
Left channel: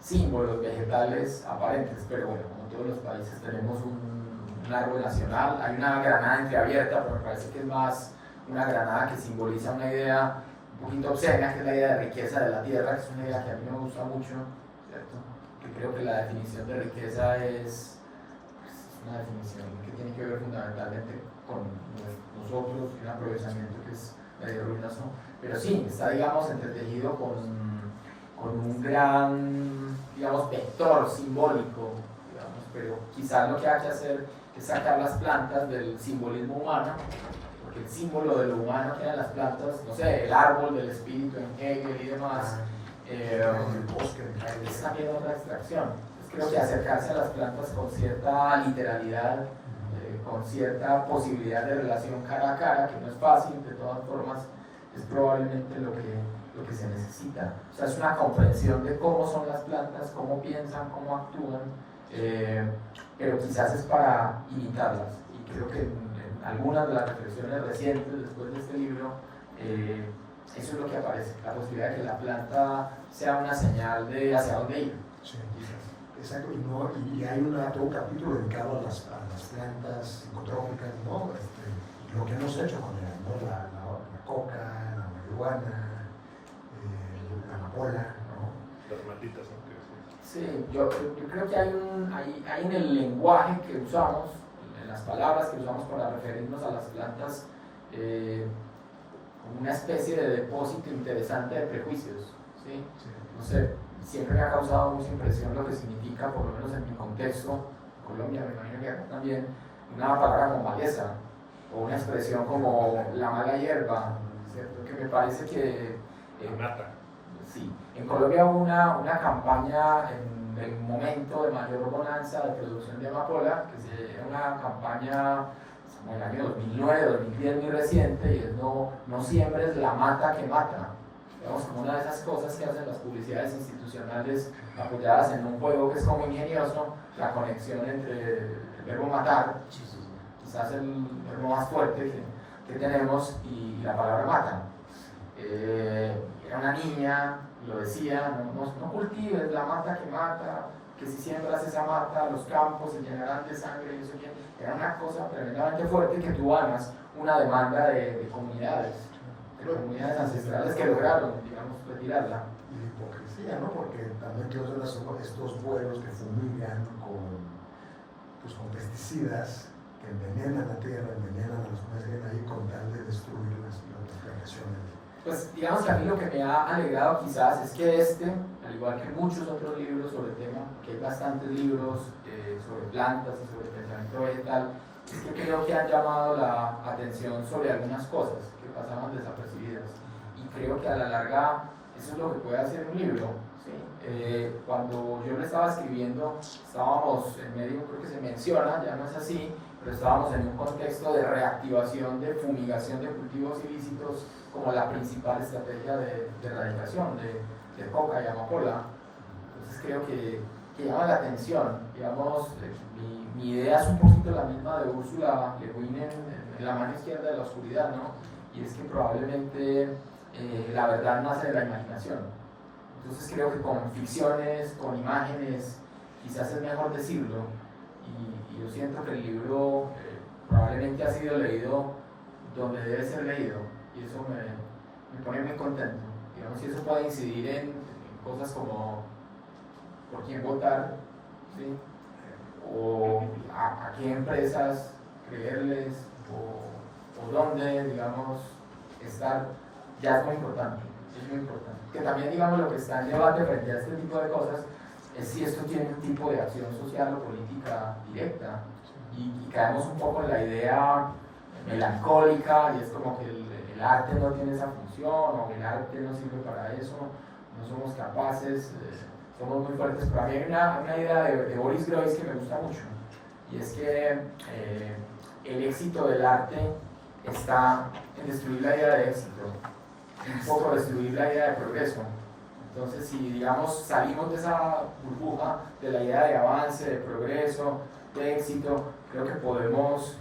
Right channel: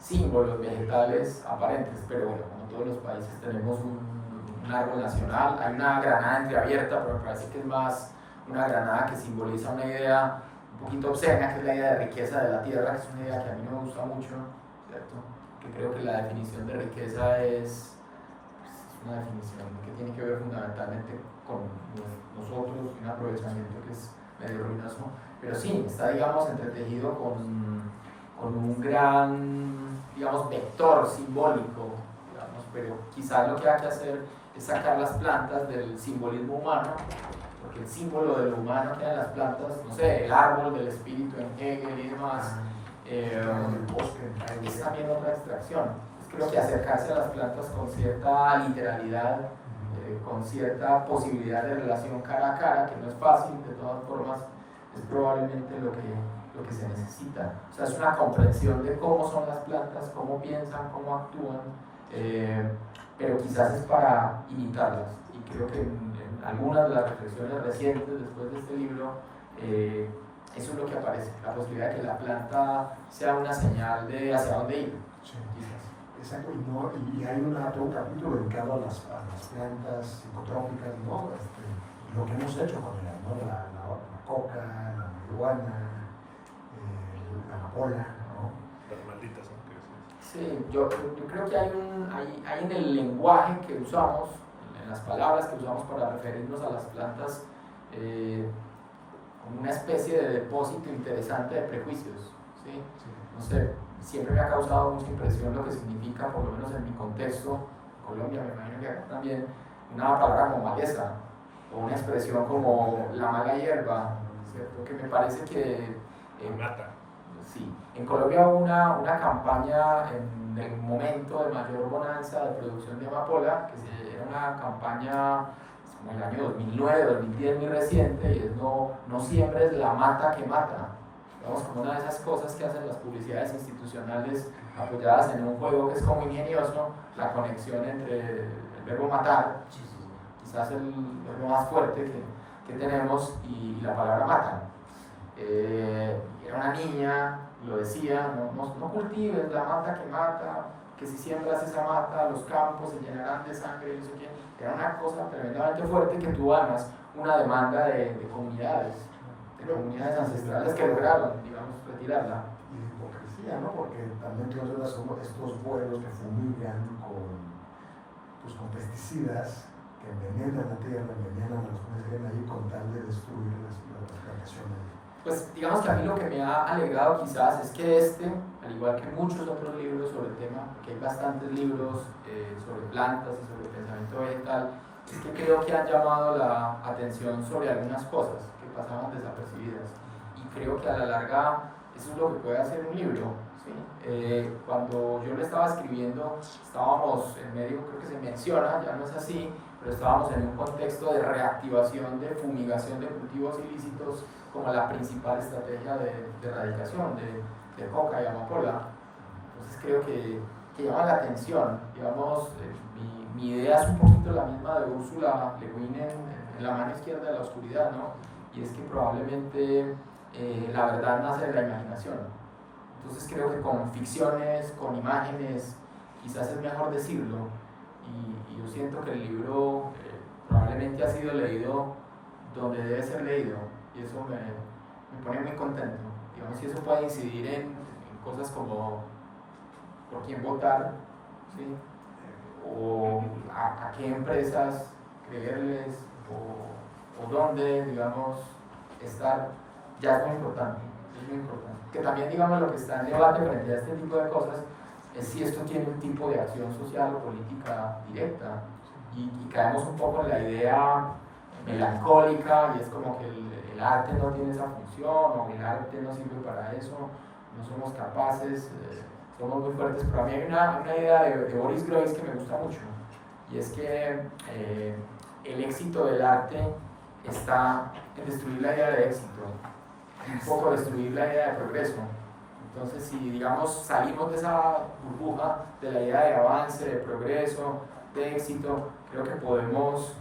símbolos vegetales aparentes, pero bueno, como todos los países tenemos un árbol nacional. Hay una granada entreabierta, pero me parece que es más una granada que simboliza una idea un poquito obscena, que es la idea de riqueza de la tierra, que es una idea que a mí me gusta mucho, ¿cierto? Que creo que la definición de riqueza es una definición que tiene que ver fundamentalmente con nosotros y un aprovechamiento que es medio ruinoso, pero sí, está, digamos, entretejido con un gran, digamos, vector simbólico, digamos, pero quizás lo que hay que hacer es sacar las plantas del simbolismo humano, porque el símbolo de lo humano que hay en las plantas, no sé, el árbol del espíritu en Hegel y demás, es también otra extracción. Creo que acercarse a las plantas con cierta literalidad, con cierta posibilidad de relación cara a cara, que no es fácil, de todas formas, es probablemente lo que se necesita. O sea, es una comprensión de cómo son las plantas, cómo piensan, cómo actúan, pero quizás es para imitarlas. Y creo que en algunas de las reflexiones recientes después de este libro, eso es lo que aparece, la posibilidad de que la planta sea una señal de hacia dónde ir. Sí. Exacto, y hay todo un capítulo dedicado a las plantas psicotrópicas, ¿no? lo que hemos hecho con él, ¿no? La coca, la marihuana, la amapola, ¿no? Las malditas, ¿no? Sí, yo creo que hay en el lenguaje que usamos, en las palabras que usamos para referirnos a las plantas, una especie de depósito interesante de prejuicios, ¿sí? No sé, siempre me ha causado mucha impresión lo que significa, por lo menos en mi contexto, Colombia, me imagino que acá también, una palabra como maleza, o una expresión como la mala hierba, ¿cierto? Que me parece que... mata. Sí, en Colombia hubo una campaña en el momento de mayor bonanza de producción de amapola, que era una campaña como el año 2009, 2010, muy reciente, y es no siembres la mata que mata. Digamos, como una de esas cosas que hacen las publicidades institucionales apoyadas en un juego que es como ingenioso, la conexión entre el verbo matar, quizás el verbo más fuerte que tenemos, y la palabra mata. Era una niña, lo decía, no cultives la mata que mata, que si siembras esa mata, los campos se llenarán de sangre, y no sé qué. Era una cosa tremendamente fuerte que tuvo además una demanda de comunidades ancestrales que lograron, digamos, retirarla. Y la hipocresía, ¿no? Porque también todos estos vuelos que fumigan con pesticidas, que envenenan la tierra, envenenan a los peces que vienen ahí con tal de destruir la vegetación. Pues digamos que a mí lo que me ha alegrado quizás es que al igual que muchos otros libros sobre el tema, que hay bastantes libros sobre plantas y sobre pensamiento vegetal, es que creo que han llamado la atención sobre algunas cosas que pasaban desapercibidas. Y creo que a la larga eso es lo que puede hacer un libro, ¿sí? Cuando yo lo estaba escribiendo, estábamos en medio, creo que se menciona, ya no es así, pero estábamos en un contexto de reactivación, de fumigación de cultivos ilícitos como la principal estrategia de erradicación de coca y amapola. Entonces creo que llama la atención, digamos, mi idea es un poquito la misma de Ursula Le Guin en La mano izquierda de la oscuridad, ¿no? Y es que probablemente la verdad nace de la imaginación. Entonces creo que con ficciones, con imágenes, quizás es mejor decirlo, y yo siento que el libro probablemente ha sido leído donde debe ser leído, y eso me pone muy contento. Digamos, si eso puede incidir en cosas como por quién votar, ¿sí? O a qué empresas creerles, o dónde, digamos, estar, ya es muy importante, Que también, digamos, lo que está en debate frente a este tipo de cosas es si esto tiene un tipo de acción social o política directa, y caemos un poco en la idea melancólica, y es como que el arte no tiene esa función, o el arte no sirve para eso, no somos capaces, somos muy fuertes. Pero a mí hay una idea de Boris Groys que me gusta mucho, y es que el éxito del arte está en destruir la idea de éxito, un poco destruir la idea de progreso. Entonces, si, digamos, salimos de esa burbuja de la idea de avance, de progreso, de éxito, creo que podemos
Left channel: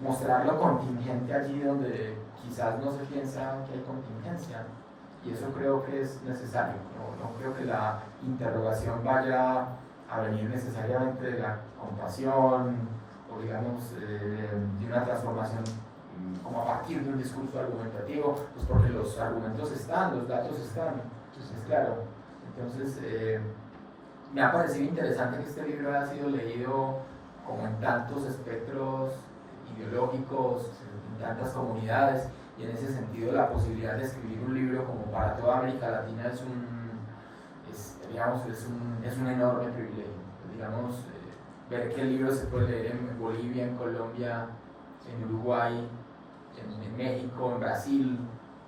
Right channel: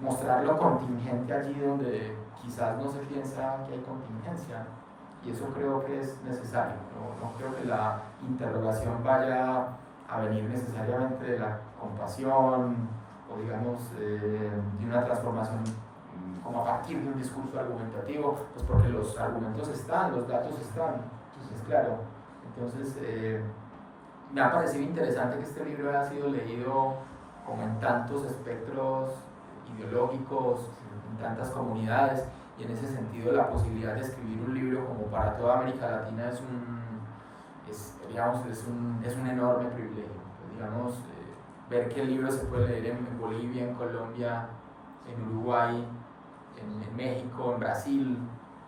mostrar lo contingente allí donde quizás no se piensa que hay contingencia, y eso creo que es necesario. No creo que la interrogación vaya a venir necesariamente de la compasión, o digamos de una transformación como a partir de un discurso argumentativo, pues porque los argumentos están, los datos están. Entonces, claro, me ha parecido interesante que este libro haya sido leído como en tantos espectros ideológicos, en tantas comunidades, y en ese sentido la posibilidad de escribir un libro como para toda América Latina es un enorme privilegio. Digamos, ver que el libro se puede leer en Bolivia, en Colombia, en Uruguay, en México, en Brasil,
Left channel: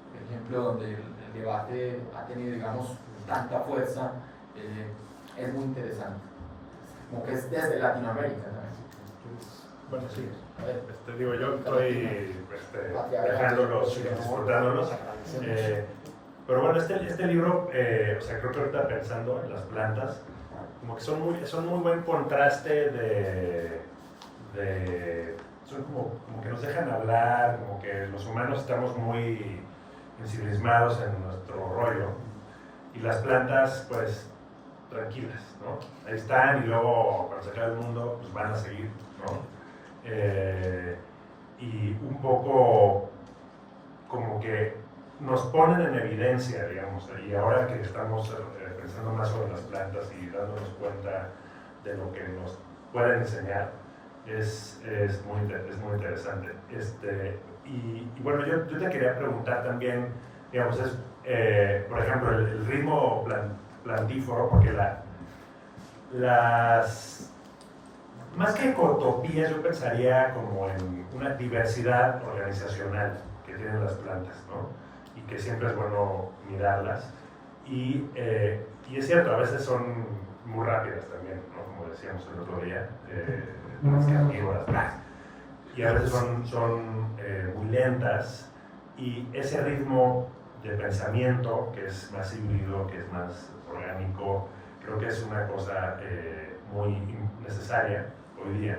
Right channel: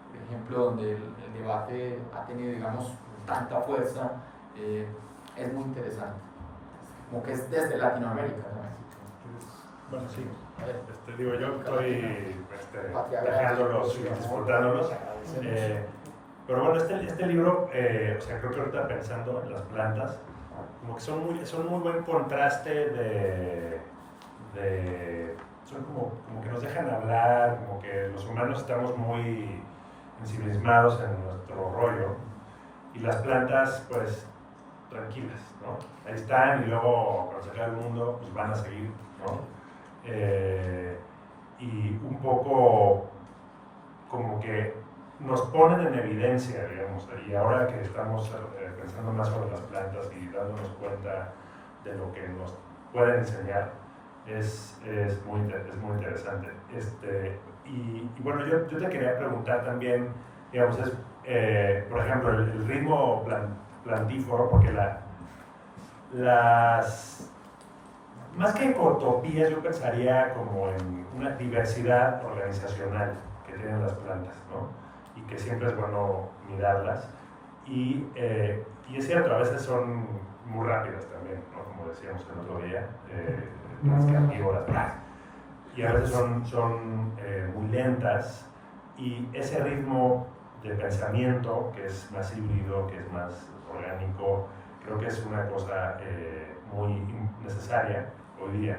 por ejemplo, donde el debate ha tenido, digamos, tanta fuerza, es muy interesante. Como que es desde Latinoamérica también. Bueno, sí. Digo, yo estoy dejándolos y disfrutándolos. Pero bueno, este libro, o sea, creo que ahorita pensando en las plantas, como que son muy buen contraste son como que nos dejan hablar, como que los humanos estamos muy ensimismados en nuestro rollo, y las plantas, pues, tranquilas, ¿no? Ahí están, y luego, cuando se acabe el mundo, pues van a seguir, ¿no? y un poco como que nos ponen en evidencia, digamos, y ahora que estamos pensando más sobre las plantas y dándonos cuenta de lo que nos pueden enseñar, es muy interesante. Y bueno, yo te quería preguntar también, digamos, por ejemplo, el ritmo plantífero, porque más que ecotopías, yo pensaría como en una diversidad organizacional que tienen las plantas, ¿no? Y que siempre es bueno mirarlas. Y es cierto, a veces son muy rápidas también, ¿no? Como decíamos el otro día, las carnívoras, y a veces son muy lentas, y ese ritmo de pensamiento, que es más híbrido, que es más orgánico, creo que es una cosa muy necesaria hoy día.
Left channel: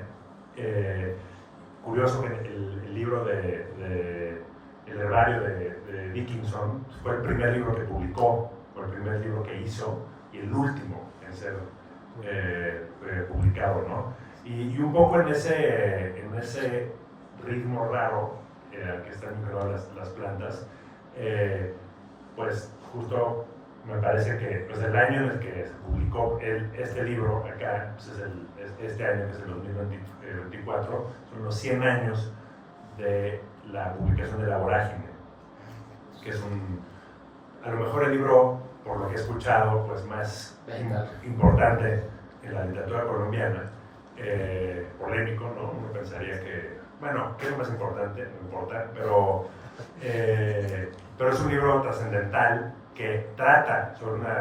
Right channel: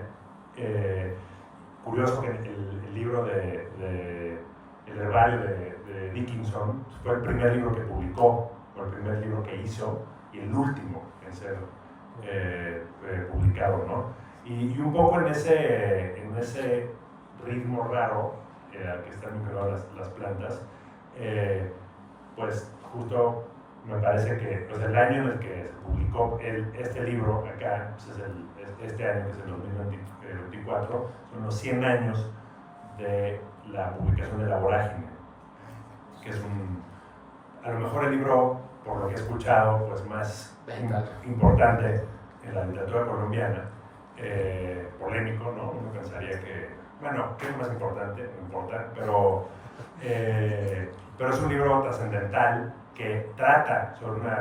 Curioso que el libro el herbario de Dickinson fue el primer libro que publicó, fue el primer libro que hizo y el último en ser publicado, ¿no? Y un poco en ese ritmo raro al que están vinculadas las plantas, pues justo me parece que pues el año en el que se publicó este libro acá, pues es este año, que es el 2024, son los 100 años de la publicación de La Vorágine, que es a lo mejor el libro, por lo que he escuchado, pues más importante en la literatura colombiana, polémico, ¿no? Uno pensaría que, bueno, ¿qué es más importante? No importa, pero es un libro trascendental que trata sobre una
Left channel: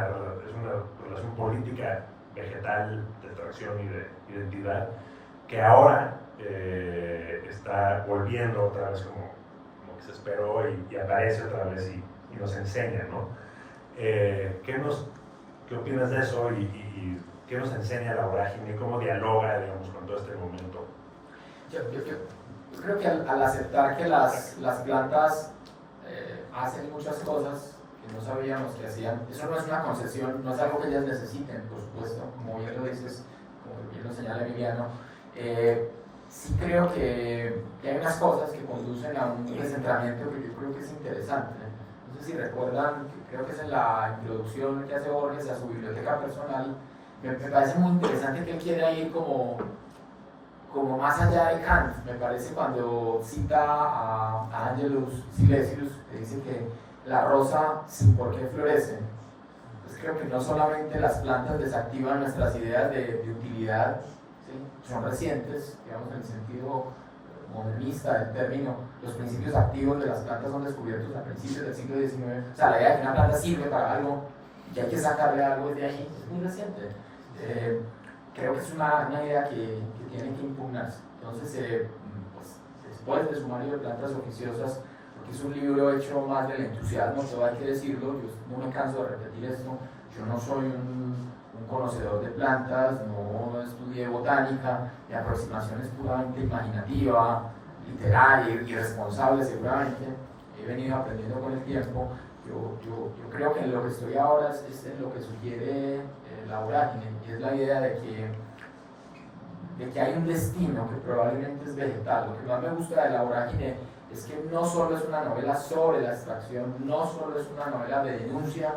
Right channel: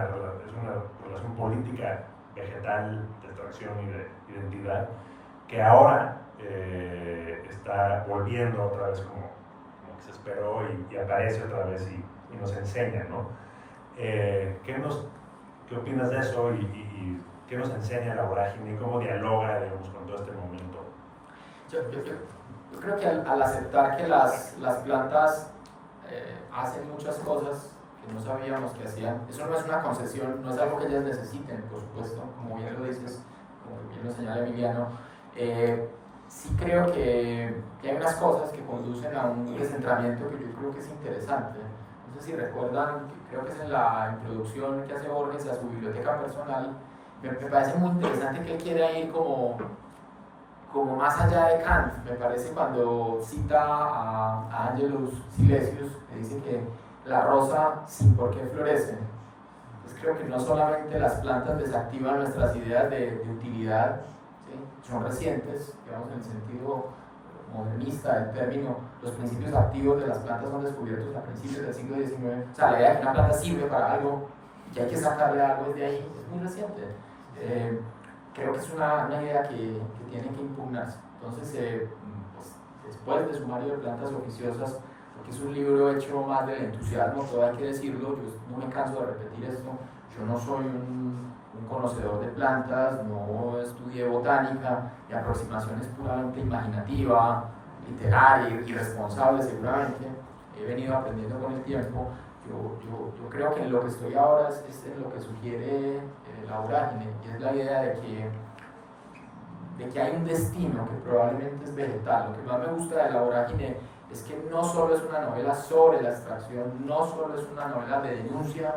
relación política vegetal de extracción y de identidad que ahora está volviendo otra vez como que se esperó y aparece otra vez y nos enseña, ¿no? ¿Qué opinas de eso y qué nos enseña La Vorágine y cómo dialoga, digamos, con todo este momento? Yo creo que al aceptar que las plantas hacen muchas cosas que no sabíamos que hacían, eso no es una concesión, no es algo que ellas necesiten, por supuesto, como bien lo dices, como bien lo señala Emiliano. Sí creo que hay unas cosas que conducen a un descentramiento que yo creo que es interesante. No sé si recuerdan, creo que es en la introducción que hace Borges a su biblioteca personal, me parece muy interesante que él quiera ir como más allá de Kant. Me parece cuando cita a Angelus Silesius, que dice que la rosa sin por qué florece. Pues creo que no solamente las plantas desactivan nuestras ideas de utilidad, ¿sí? Son recientes, digamos, en el sentido modernista del término. Los principios activos de las plantas son descubiertos a principios del siglo XIX. O sea, la idea de que una planta sirve para algo y que hay que sacarle algo de ahí es muy reciente. Creo que es una idea que tiene que impugnarse. Entonces, pues, después de Sumario de Plantas Oficiosas, porque es un libro hecho más del entusiasmo, todo hay que decirlo, yo no me canso de repetir esto, yo no soy un conocedor de plantas, no estudié botánica, mi aproximación es puramente imaginativa, literaria, irresponsable seguramente, he venido aprendiendo con el tiempo. Yo creo que en lo que estoy ahora es en lo que sugiere La Vorágine, y es la idea de que hay un destino que probablemente es vegetal. Lo que más me gusta de La Vorágine es que no solo es una novela sobre la extracción, no solo es una novela de denuncia,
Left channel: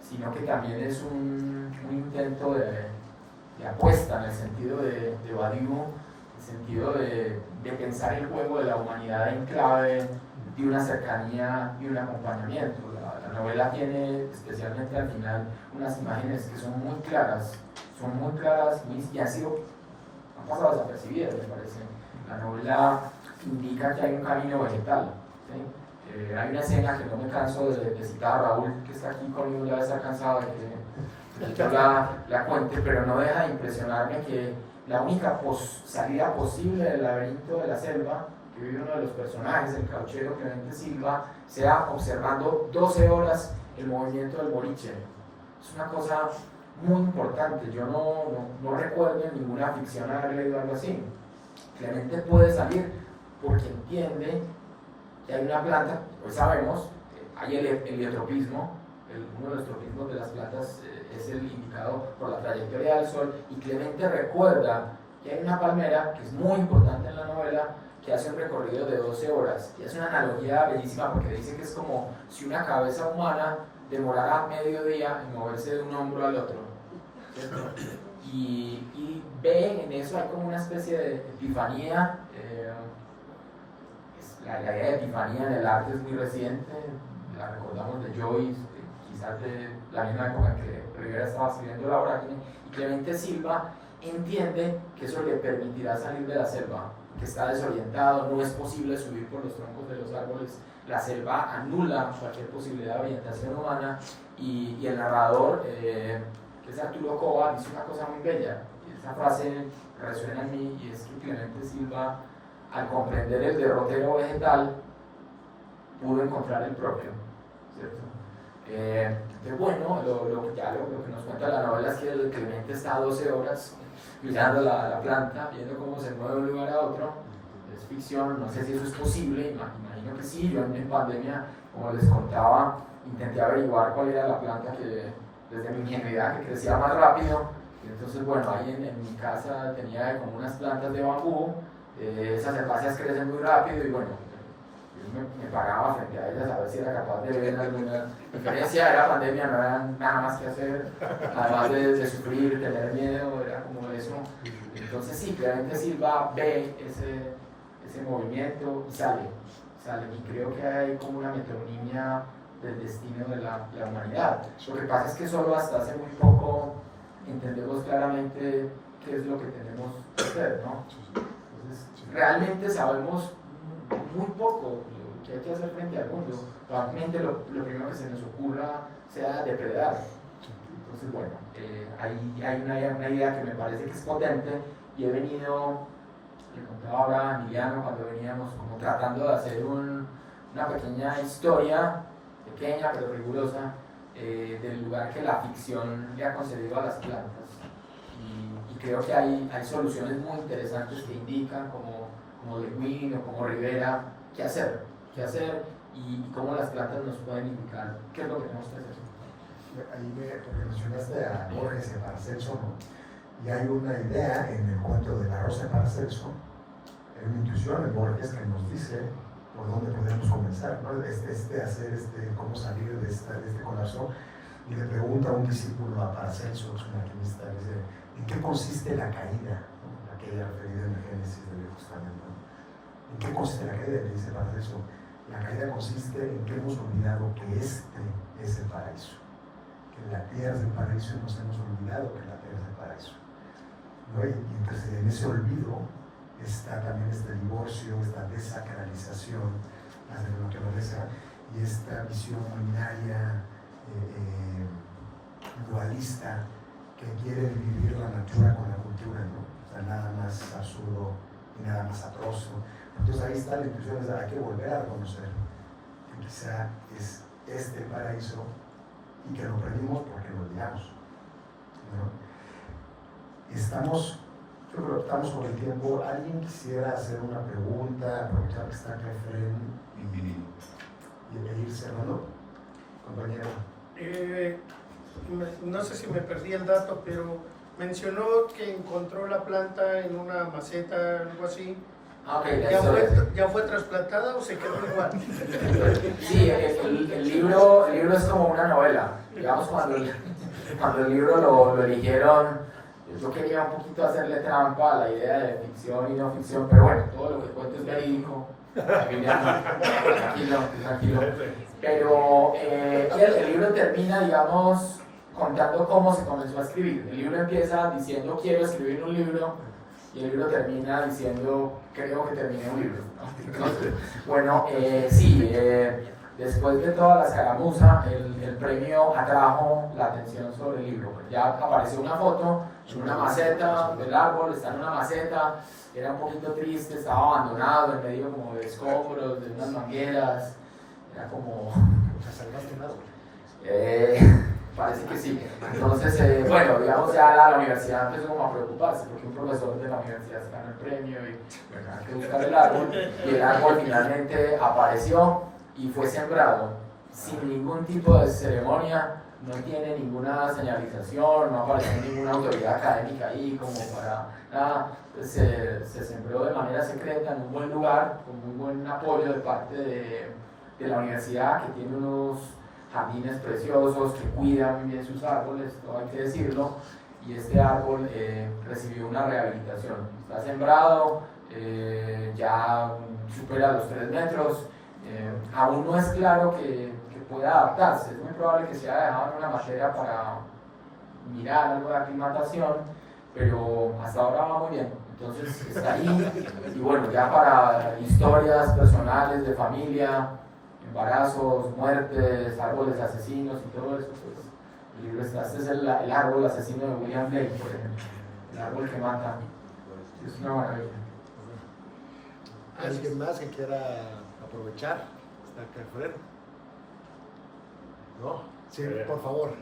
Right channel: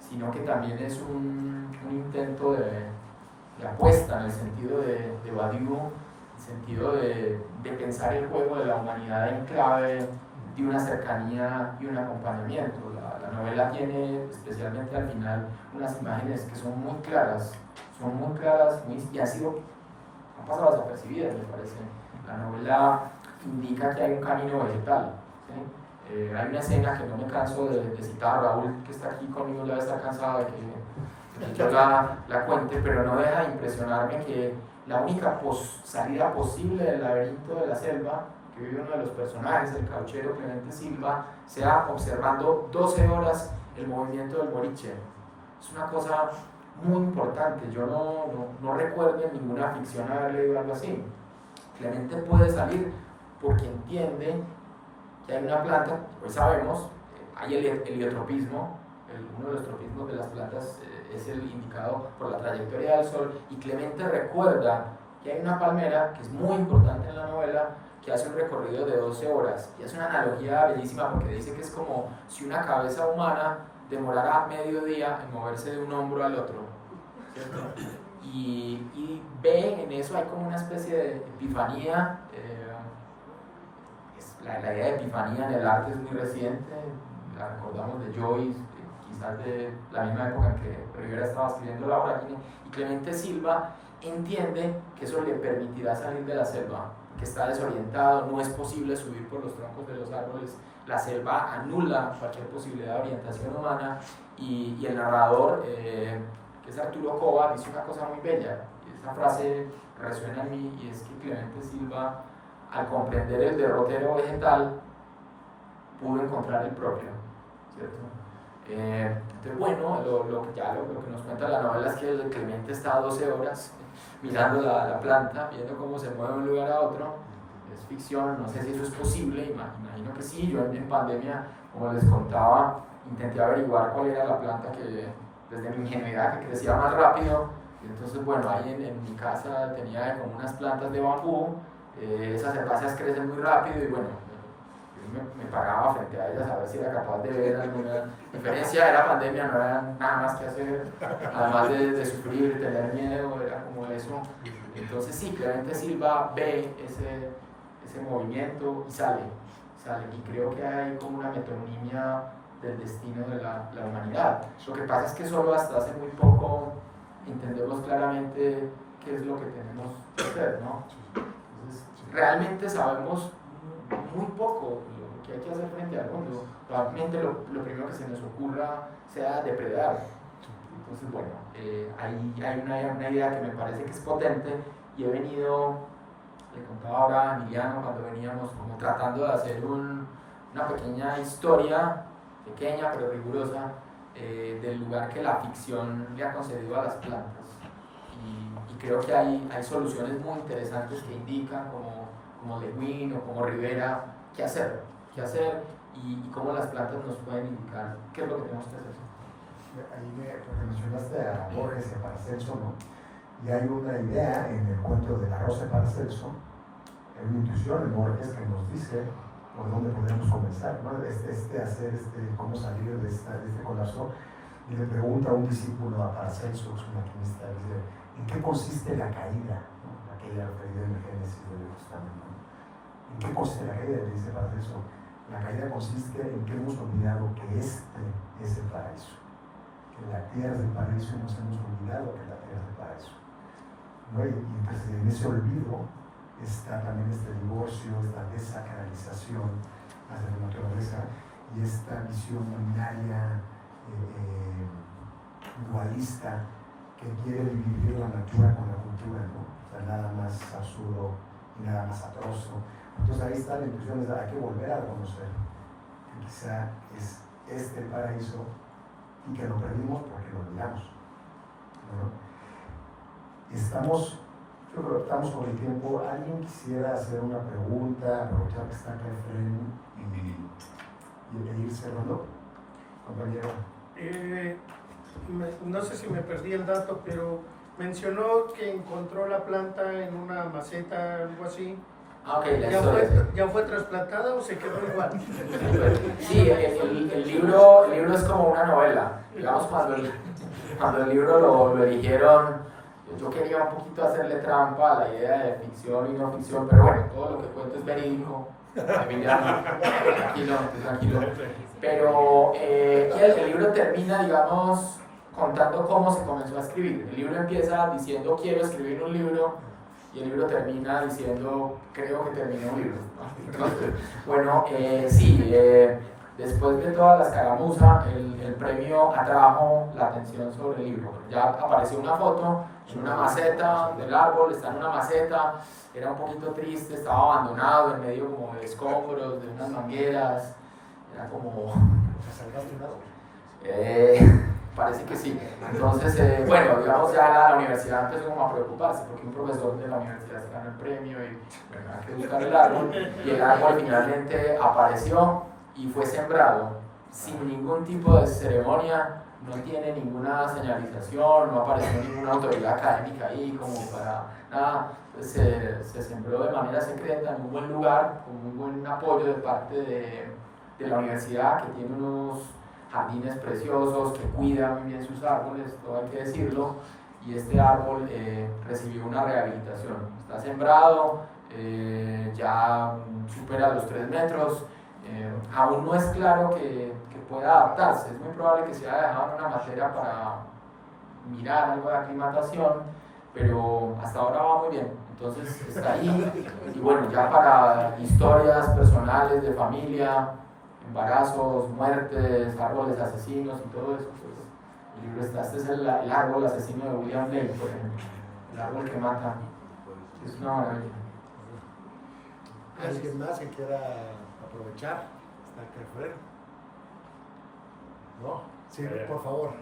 sino que también es un intento de apuesta en el sentido de Badiou, en el sentido de pensar el juego de la humanidad en clave de una cercanía y un acompañamiento. La novela tiene, especialmente al final, unas imágenes que son muy claras y han pasado desapercibidas, me parece. La novela indica que hay un camino vegetal, ¿sí? Hay una escena que no me canso de citar, Raúl, que está aquí conmigo, debe estar cansado de que yo la cuente, pero no deja de impresionarme que la única salida posible del laberinto de la selva que vive uno de los personajes, el cauchero Clemente Silva, sea observando 12 horas el movimiento del boliche. Es una cosa muy importante. Yo no recuerdo en ninguna ficción haber leído algo así. Clemente puede salir porque entiende que hay una planta, pues sabemos, hay el heliotropismo, uno de los tropismos de las plantas es el indicado por la trayectoria del sol, y Clemente recuerda que hay una palmera que es muy importante en la novela, que hace un recorrido de 12 horas. Y es una analogía bellísima porque dice que es como si una cabeza humana demorara medio día en moverse de un hombro al otro, ¿cierto? Y ve en eso, hay como una especie de epifanía. La idea de epifanía en el arte es muy reciente, la recordamos de Joyce, quizás de la misma época en que Rivera estaba escribiendo La Vorágine, y Clemente Silva entiende que eso le permitirá salir de la selva, que está desorientado, no es posible subir por los troncos de los árboles, la selva anula cualquier posibilidad de orientación humana, y el narrador, que es Arturo Cova, dice una cosa muy bella, y esta frase resuena en mí, y es que Clemente Silva, al comprender el derrotero vegetal, pudo encontrar el propio, ¿cierto? Entonces, bueno, lo que nos cuenta la novela es que Clemente está 12 horas mirando la planta, viendo cómo se mueve de un lugar a otro. Es ficción, no sé si eso es posible, imagino que sí. Yo en pandemia, como les contaba, intenté averiguar cuál era la planta que, desde mi ingenuidad, que crecía más rápido. Y entonces, bueno, ahí en mi casa tenía como unas plantas de bambú. Esas herbáceas crecen muy rápido y bueno, yo me paraba frente a ellas a ver si era capaz de ver alguna diferencia. Era pandemia, no había nada más que hacer, además de sufrir, tener miedo, era como eso. Entonces sí, Clemente Silva ve ese movimiento y sale, y creo que hay como una metonimia del destino de la humanidad. Lo que pasa es que solo hasta hace muy poco entendemos claramente qué es lo que tenemos que hacer, ¿no? Realmente sabemos muy poco lo que hay que hacer frente al mundo. Probablemente lo primero que se nos ocurra sea depredar. Entonces, bueno, hay una idea que me parece que es potente y he venido, le contaba ahora a Emiliano cuando veníamos como tratando de hacer una pequeña historia, pequeña pero rigurosa, del lugar que la ficción le ha concedido a las plantas. Y creo que hay soluciones muy interesantes que indican, como Le Guin o como Rivera, qué hacer y cómo las plantas nos pueden indicar qué es lo que tenemos que hacer. Ahí mencionaste a Borges y a Paracelso, ¿no? Y hay una idea en el cuento de la Rosa de Paracelso, hay una intuición en Borges que nos dice por dónde podemos comenzar, ¿no? Cómo salir de este colapso. Y le pregunta a un discípulo a Paracelso, que es un alquimista, dice, ¿en qué consiste la caída? ¿No? La caída referida en el Génesis del Testamento. ¿En qué consiste la caída? Dice Paracelso, la caída consiste en que hemos olvidado que este es el paraíso, que la tierra es el paraíso y nos hemos olvidado que la tierra es el paraíso. ¿No? Y entonces en ese olvido está también este divorcio, esta desacralización hacia la naturaleza y esta visión binaria, dualista, que quiere dividir la natura con la cultura, ¿no? O sea, nada más absurdo y nada más atroz. Entonces ahí está la intuición, hay que volver a reconocer que quizá es este paraíso y que lo perdimos porque lo olvidamos. Creo que optamos por el tiempo. ¿Alguien quisiera hacer una pregunta, aprovechar que está Kefren y ir cerrando? Compañero. No sé si me perdí el dato, pero mencionó que encontró la planta en una maceta, algo así. Okay, ¿Ya fue trasplantada o se quedó igual? Sí, el libro es como una novela. Digamos, cuando el libro lo eligieron, yo quería un poquito hacerle trampa a la idea de ficción y no ficción, pero bueno, todo lo que cuento es verídico. Tranquilo. Pero el libro termina, digamos, contando cómo se comenzó a escribir. El libro empieza diciendo quiero escribir un libro y el libro termina diciendo creo que terminé un libro. Bueno, sí, después de toda la escaramuza, el premio atrajo la atención sobre el libro. Ya apareció una foto en una maceta del árbol, está en una maceta, era un poquito triste, estaba abandonado en medio como de escombros, de unas mangueras, era como... ¿Salvaste un árbol? Parece que sí. Entonces, bueno, digamos ya la universidad empezó como a preocuparse porque un profesor de la universidad se ganó el premio y bueno, hay que buscar el árbol. Y el árbol finalmente apareció y fue sembrado sin ningún tipo de ceremonia no tiene ninguna señalización, no apareció ninguna autoridad académica ahí como para nada, pues se sembró de manera secreta en un buen lugar, con muy buen apoyo de parte de la universidad, que tiene unos jardines preciosos, que cuida muy bien sus árboles, todo hay que decirlo, y este árbol recibió una rehabilitación, está sembrado, ya supera los 3 metros, aún no es claro que pueda adaptarse, es muy probable que se haya dejado una materia para mirar algo de aclimatación, pero hasta ahora va muy bien, entonces está ahí, y bueno, ya para historias personales de familia, embarazos, muertes, árboles asesinos y todo eso, pues el libro está, este es el árbol asesino de William Blake, el árbol que mata, es una maravilla. ¿Alguien más que quiera aprovechar? ¿Está acá afuera? ¿No? Sí, por favor.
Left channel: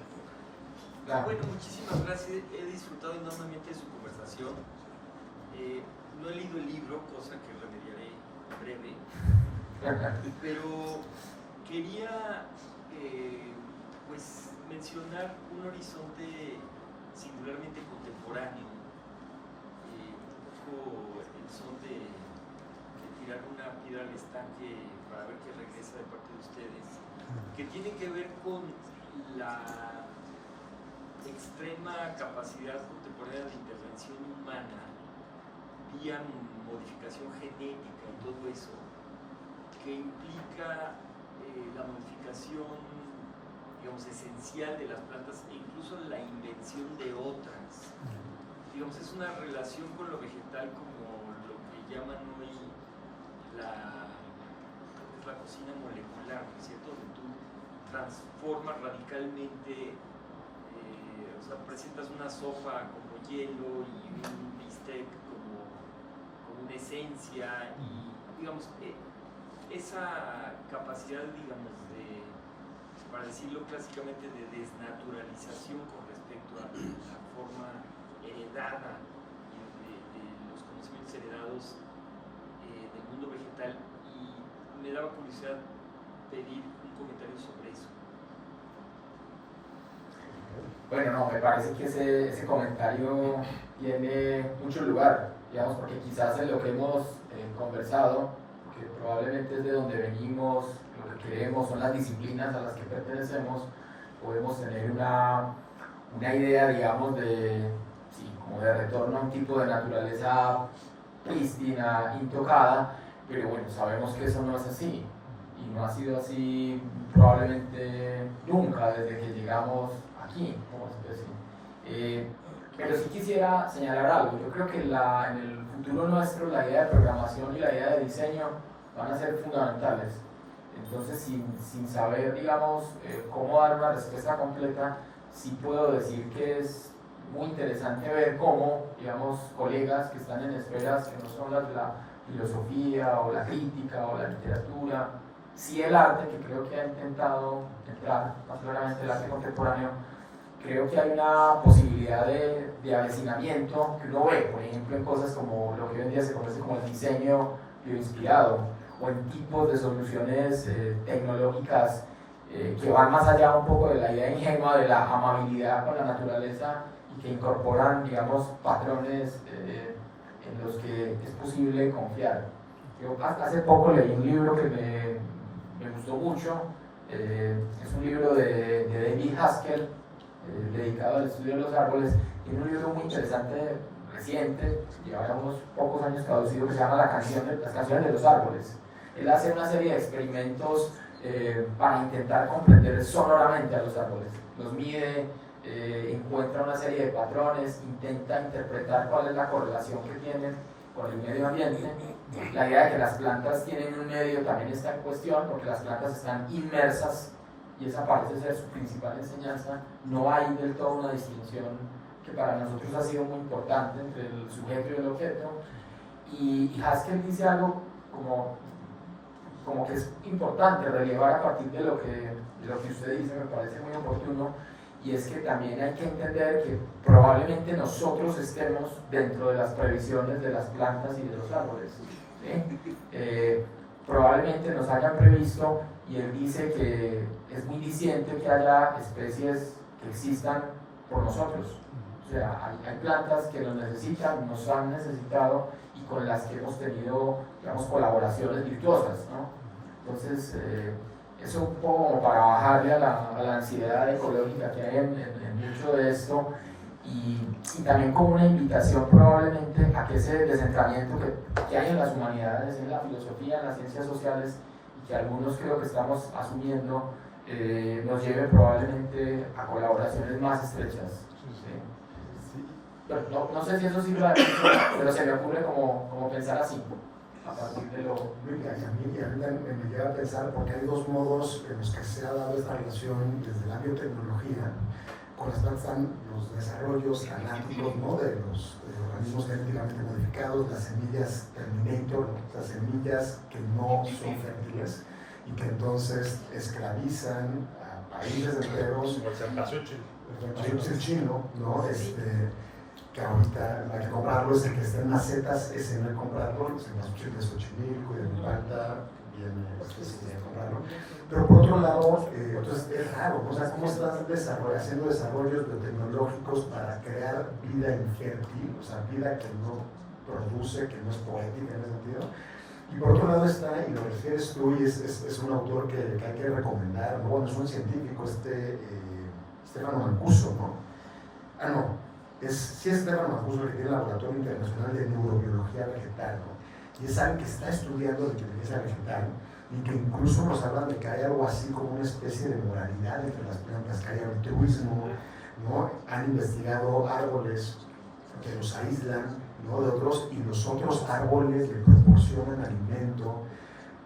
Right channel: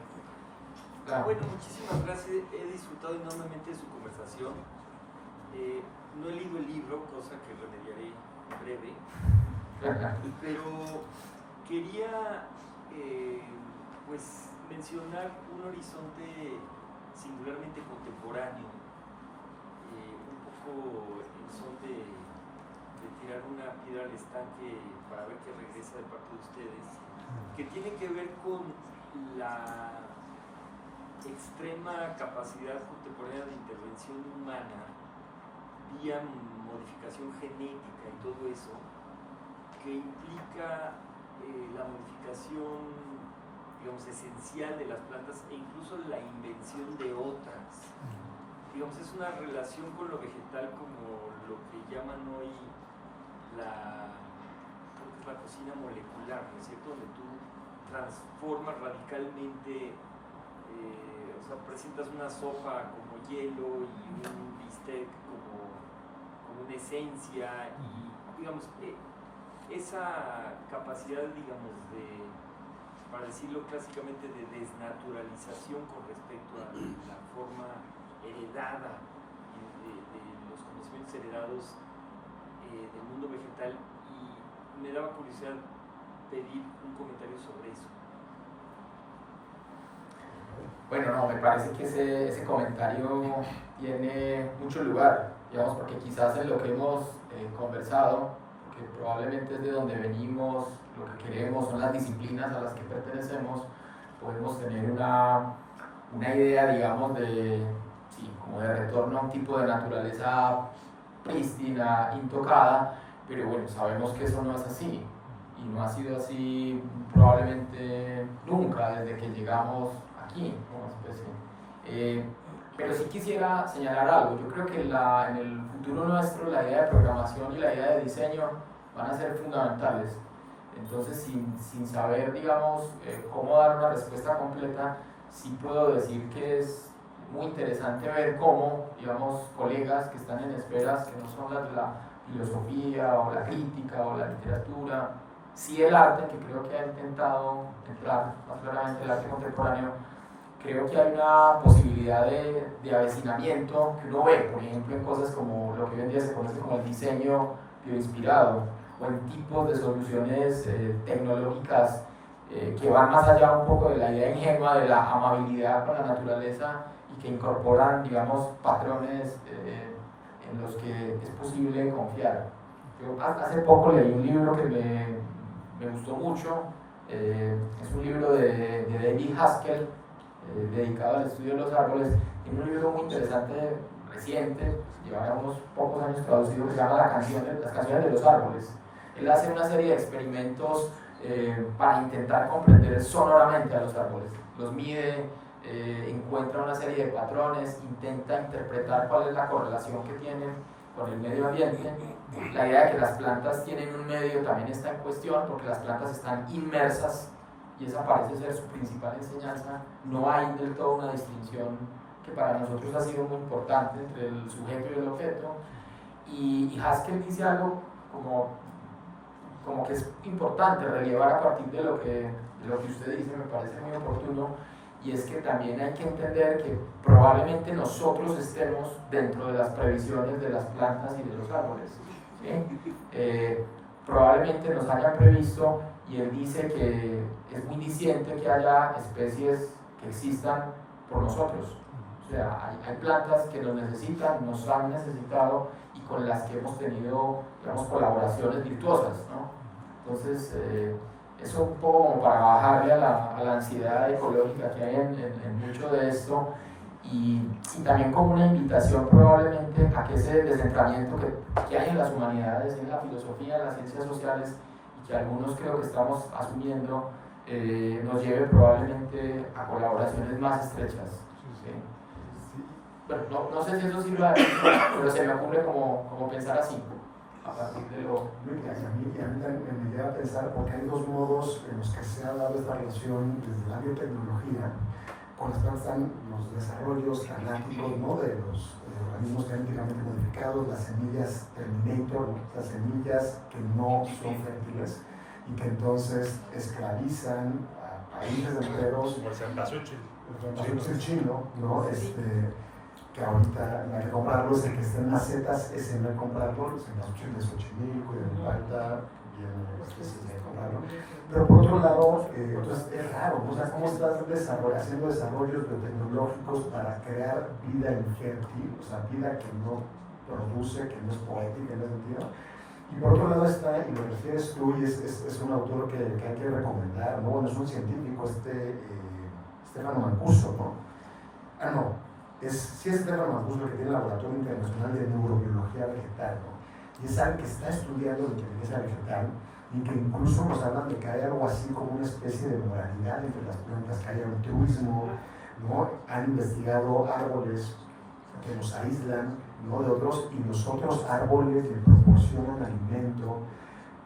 Claro. Bueno, muchísimas gracias. He disfrutado enormemente de su conversación. No he leído el libro, cosa que remediaré en breve. Pero quería pues mencionar un horizonte singularmente contemporáneo, un poco en son de tirar una piedra al estanque para ver qué regresa de parte de ustedes, que tiene que ver con la extrema capacidad contemporánea de intervención humana vía modificación genética y todo eso, que implica la modificación, digamos, esencial de las plantas e incluso la invención de otras. Digamos, es una relación con lo vegetal como lo que llaman hoy la cocina molecular, ¿no es cierto? Donde tú transformas radicalmente, o sea, presentas una sopa como hielo y un bistec como una esencia y, digamos, esa capacidad, digamos, de, para decirlo clásicamente, de desnaturalización con respecto a la forma heredada de los conocimientos heredados del mundo vegetal, y me daba curiosidad pedir un comentario sobre eso. Bueno, no, me parece que ese comentario tiene mucho lugar, digamos, porque quizás en lo que hemos conversado, que probablemente es de donde venimos, lo que queremos, son las disciplinas a las que pertenecemos, podemos tener una idea, digamos, como de retorno a un tipo de naturaleza prístina, intocada, pero bueno, sabemos que eso no es así, y no ha sido así probablemente nunca desde que llegamos aquí, como especie. Pero sí quisiera señalar algo. Yo creo que en el futuro nuestro la idea de programación y la idea de diseño van a ser fundamentales. Entonces, sin saber, digamos, cómo dar una respuesta completa, sí puedo decir que es muy interesante ver cómo, digamos, colegas que están en esferas que no son las de la filosofía o la crítica o la literatura, sí el arte, que creo que ha intentado entrar más claramente el arte contemporáneo, creo que hay una posibilidad de avecinamiento que uno ve, por ejemplo, en cosas como lo que hoy en día se conoce como el diseño bioinspirado, o en tipos de soluciones tecnológicas que van más allá un poco de la idea ingenua de la amabilidad con la naturaleza y que incorporan, digamos, patrones en los que es posible confiar. Yo hace poco leí un libro que me gustó mucho, es un libro de David Haskell, dedicado al estudio de los árboles, y un libro muy interesante, reciente, lleva unos pocos años traducido, que se llama Las canciones de los árboles. Él hace una serie de experimentos para intentar comprender sonoramente a los árboles, los mide, encuentra una serie de patrones, intenta interpretar cuál es la correlación que tienen con el medio ambiente. La idea de que las plantas tienen un medio también está en cuestión, porque las plantas están inmersas, y esa parece ser su principal enseñanza. No hay del todo una distinción que para nosotros ha sido muy importante entre el sujeto y el objeto, y Haskell dice algo como que es importante relevar a partir de lo que usted dice, me parece muy oportuno, y es que también hay que entender que probablemente nosotros estemos dentro de las previsiones de las plantas y de los árboles, ¿sí? Probablemente nos hayan previsto y él dice que es muy diciente que haya especies que existan por nosotros. O sea, hay plantas que nos necesitan, nos han necesitado y con las que hemos tenido, digamos, colaboraciones virtuosas, ¿no? Entonces, eso un poco como para bajarle a la ansiedad ecológica que hay en mucho de esto y también como una invitación probablemente a que ese descentramiento que hay en las humanidades, en la filosofía, en las ciencias sociales y que algunos creo que estamos asumiendo, nos lleve probablemente a colaboraciones más estrechas. ¿Sí? Bueno, no sé si eso sirve, pero se me ocurre como pensar así, a partir de lo... A mí me lleva a pensar, porque hay dos modos en los que se ha dado esta relación desde la biotecnología, con las plantas están los desarrollos anáticos, ¿no?, de los organismos genéticamente modificados, las semillas terminator, las semillas que no son fértiles y que entonces esclavizan a países enteros. Como el cempasúchil chino, ¿no? Que ahorita la que comprarlo es el que esté en macetas, ese no hay comprarlo, el cempasúchil de Xochimilco y de Milpalta, pero por otro lado, entonces es raro, o sea, ¿cómo estás haciendo desarrollos biotecnológicos para crear vida infértil, o sea, vida que no produce, que no es poética en ese sentido? Y por otro lado está, y lo que refieres tú, y es un autor que hay que recomendar, ¿no? Es un científico, Stefano Mancuso, ¿no? Sí es Stefano Mancuso, que tiene el Laboratorio Internacional de Neurobiología Vegetal, ¿no? Y es alguien que está estudiando la inteligencia vegetal y que incluso nos hablan de que hay algo así como una especie de moralidad entre las plantas, que hay altruismo, ¿no? Han investigado árboles que nos aíslan, ¿no?, de otros, y los otros árboles le proporcionan alimento.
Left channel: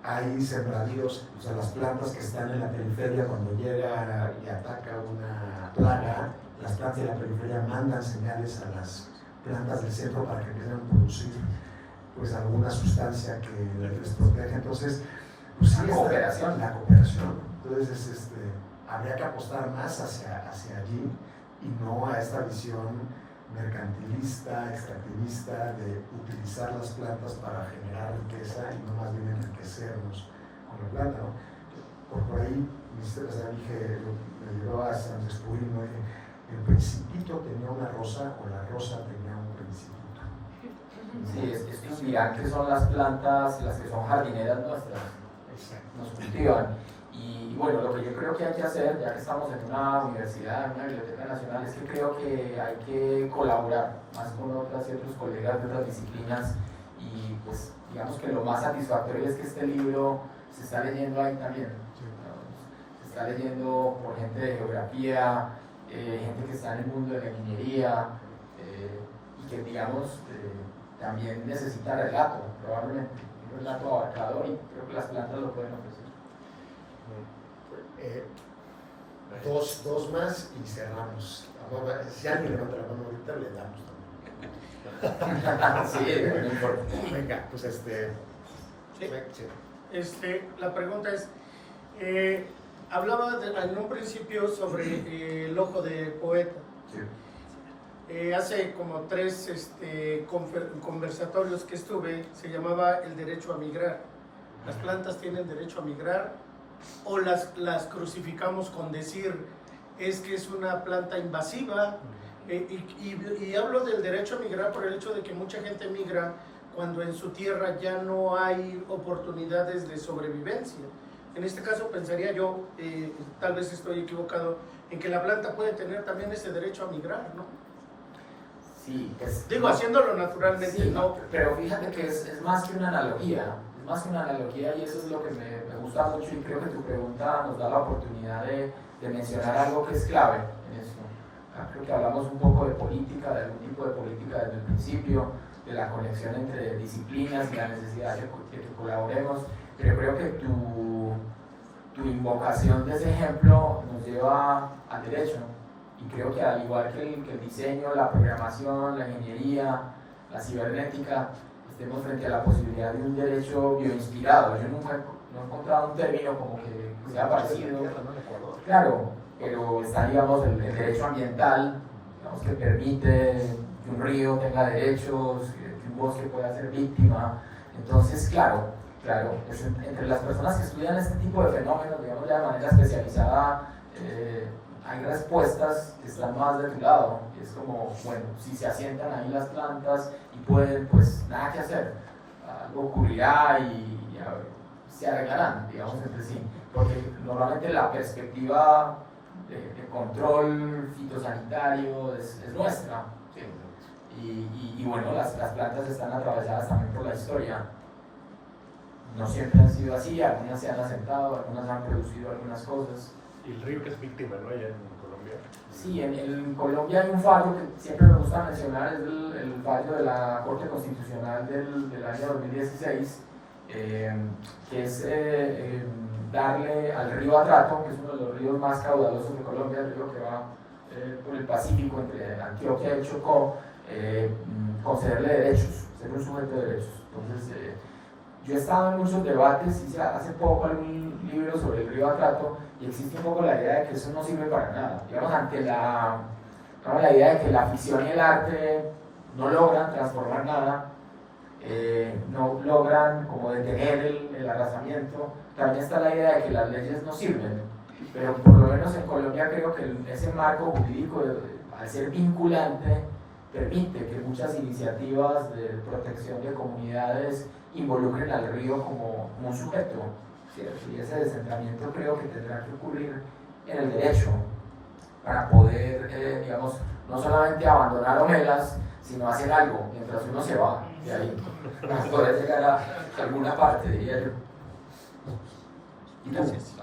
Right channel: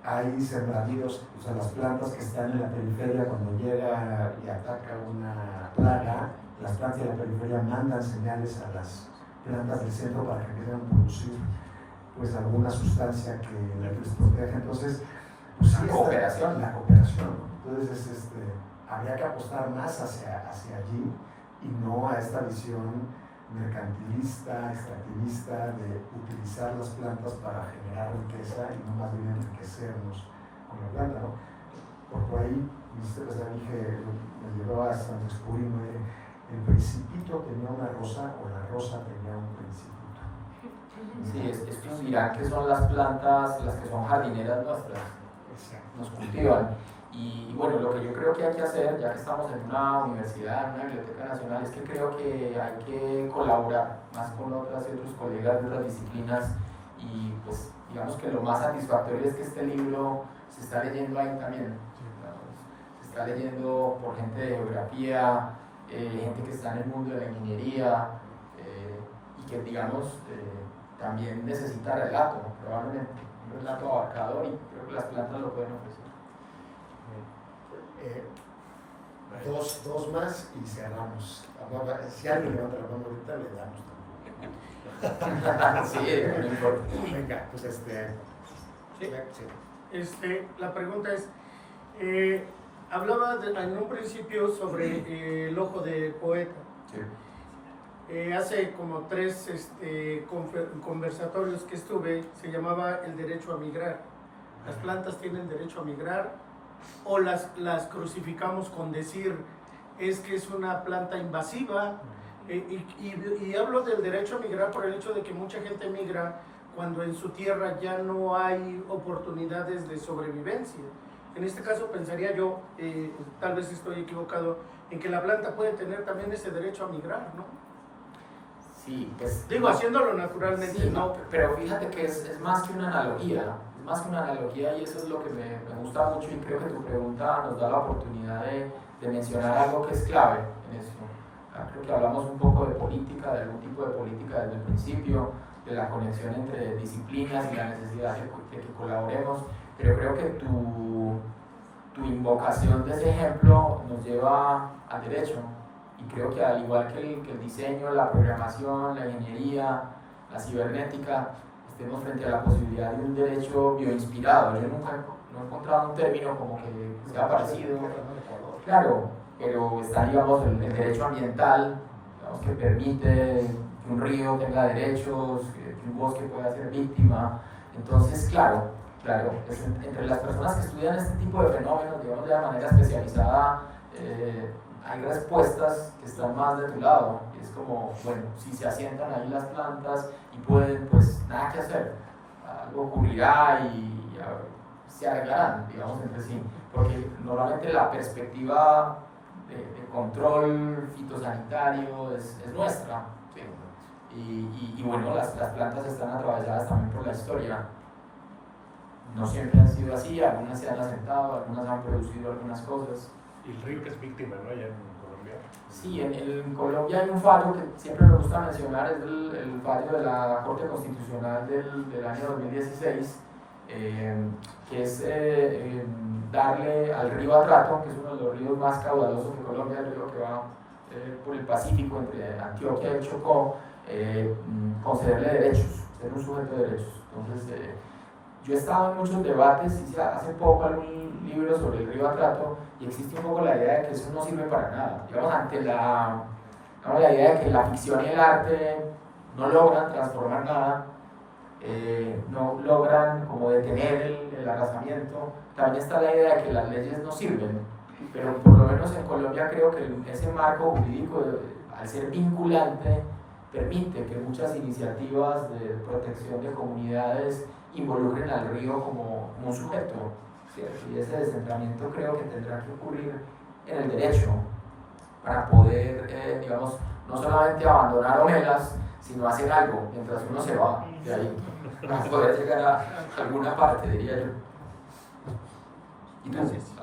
Hay sembradíos, o sea, las plantas que están en la periferia, cuando llega y ataca una plaga, las plantas de la periferia mandan señales a las plantas del centro para que empiecen a producir pues alguna sustancia que les proteja. Entonces, pues la cooperación. Entonces, habría que apostar más hacia allí y no a esta visión mercantilista, extractivista de utilizar las plantas para generar riqueza y no más bien enriquecernos con la planta, ¿no? Por ahí, me llevó a San Descubrimos el principito tenía una rosa o la rosa tenía un principito. Sí, estos dirán que son las plantas, las que son jardineras nuestras, nos cultivan. Y bueno, lo que yo creo que hay que hacer, ya que estamos en una universidad, en una biblioteca nacional, es que creo que hay que colaborar más con otras y otros colegas de otras disciplinas y pues digamos que lo más satisfactorio es que este libro se está leyendo ahí también. Se está leyendo por gente de geografía, gente que está en el mundo de la ingeniería y que digamos también necesita relato, probablemente, un relato abarcador, y creo que las plantas lo pueden ofrecer. Dos más y cerramos. Si alguien levanta la mano ahorita, le damos también. Sí, no importa. Venga, pues sí. La pregunta es, hablaba en un principio sobre el ojo del poeta. Sí. Hace como 3 conversatorios que estuve, se llamaba el derecho a migrar. Las plantas tienen derecho a migrar, o las crucificamos con decir es que es una planta invasiva, y hablo del derecho a migrar por el hecho de que mucha gente migra cuando en su tierra ya no hay oportunidades de sobrevivencia. En este caso pensaría yo, tal vez estoy equivocado, en que la planta puede tener también ese derecho a migrar, ¿no? Sí, digo, haciéndolo naturalmente, sí, ¿no? Pero fíjate que es más que una analogía, y eso es lo que me gusta mucho, y creo que tu pregunta nos da la oportunidad de mencionar algo que es clave en eso. Creo que hablamos un poco de política, de algún tipo de política desde el principio, de la conexión entre disciplinas y la necesidad de que colaboremos, pero creo que tu invocación de ese ejemplo nos lleva al derecho, y creo que al igual que el diseño, la programación, la ingeniería, la cibernética, estemos frente a la posibilidad de un derecho bioinspirado. Yo nunca he encontrado un término como que sea parecido, claro, pero está, digamos, el derecho ambiental, digamos, que permite que un río tenga derechos, que un bosque pueda ser víctima. Entonces, claro, entre las personas que estudian estudian este tipo de fenómenos, digamos, de manera especializada, hay respuestas que están más de tu lado. Es como, bueno, si se asientan ahí las plantas y pueden, pues nada que hacer, algo ocurrirá y se arreglarán, digamos, entre sí. Porque normalmente la perspectiva de control fitosanitario es nuestra. ¿Sí? Y bueno, las plantas están atravesadas también por la historia. No siempre han sido así, algunas se han asentado, algunas han producido algunas cosas. Y el río que es víctima, ¿no? Allá en Colombia. Sí, en Colombia hay un fallo que siempre me gusta mencionar, es el fallo de la Corte Constitucional del año 2016, que es darle al río Atrato, que es uno de los ríos más caudalosos de Colombia, el río que va por el Pacífico entre Antioquia y Chocó, concederle derechos, ser un sujeto de derechos. Entonces, yo he estado en muchos debates, hice hace poco algún libro sobre el río Atrato, y existe un poco la idea de que eso no sirve para nada. Digamos, ante la idea de que la ficción y el arte no logran transformar nada, no logran como detener el arrasamiento, también está la idea de que las leyes no sirven, pero por lo menos en Colombia creo que ese marco jurídico, al ser vinculante, permite que muchas iniciativas de protección de comunidades involucren al río como un sujeto, ¿cierto? Y ese descentramiento creo que tendrá que ocurrir en el derecho para poder, digamos, no solamente abandonar ovelas, sino hacer algo mientras uno se va de ahí, para poder llegar a alguna parte, diría yo. ¿Y tú? Gracias.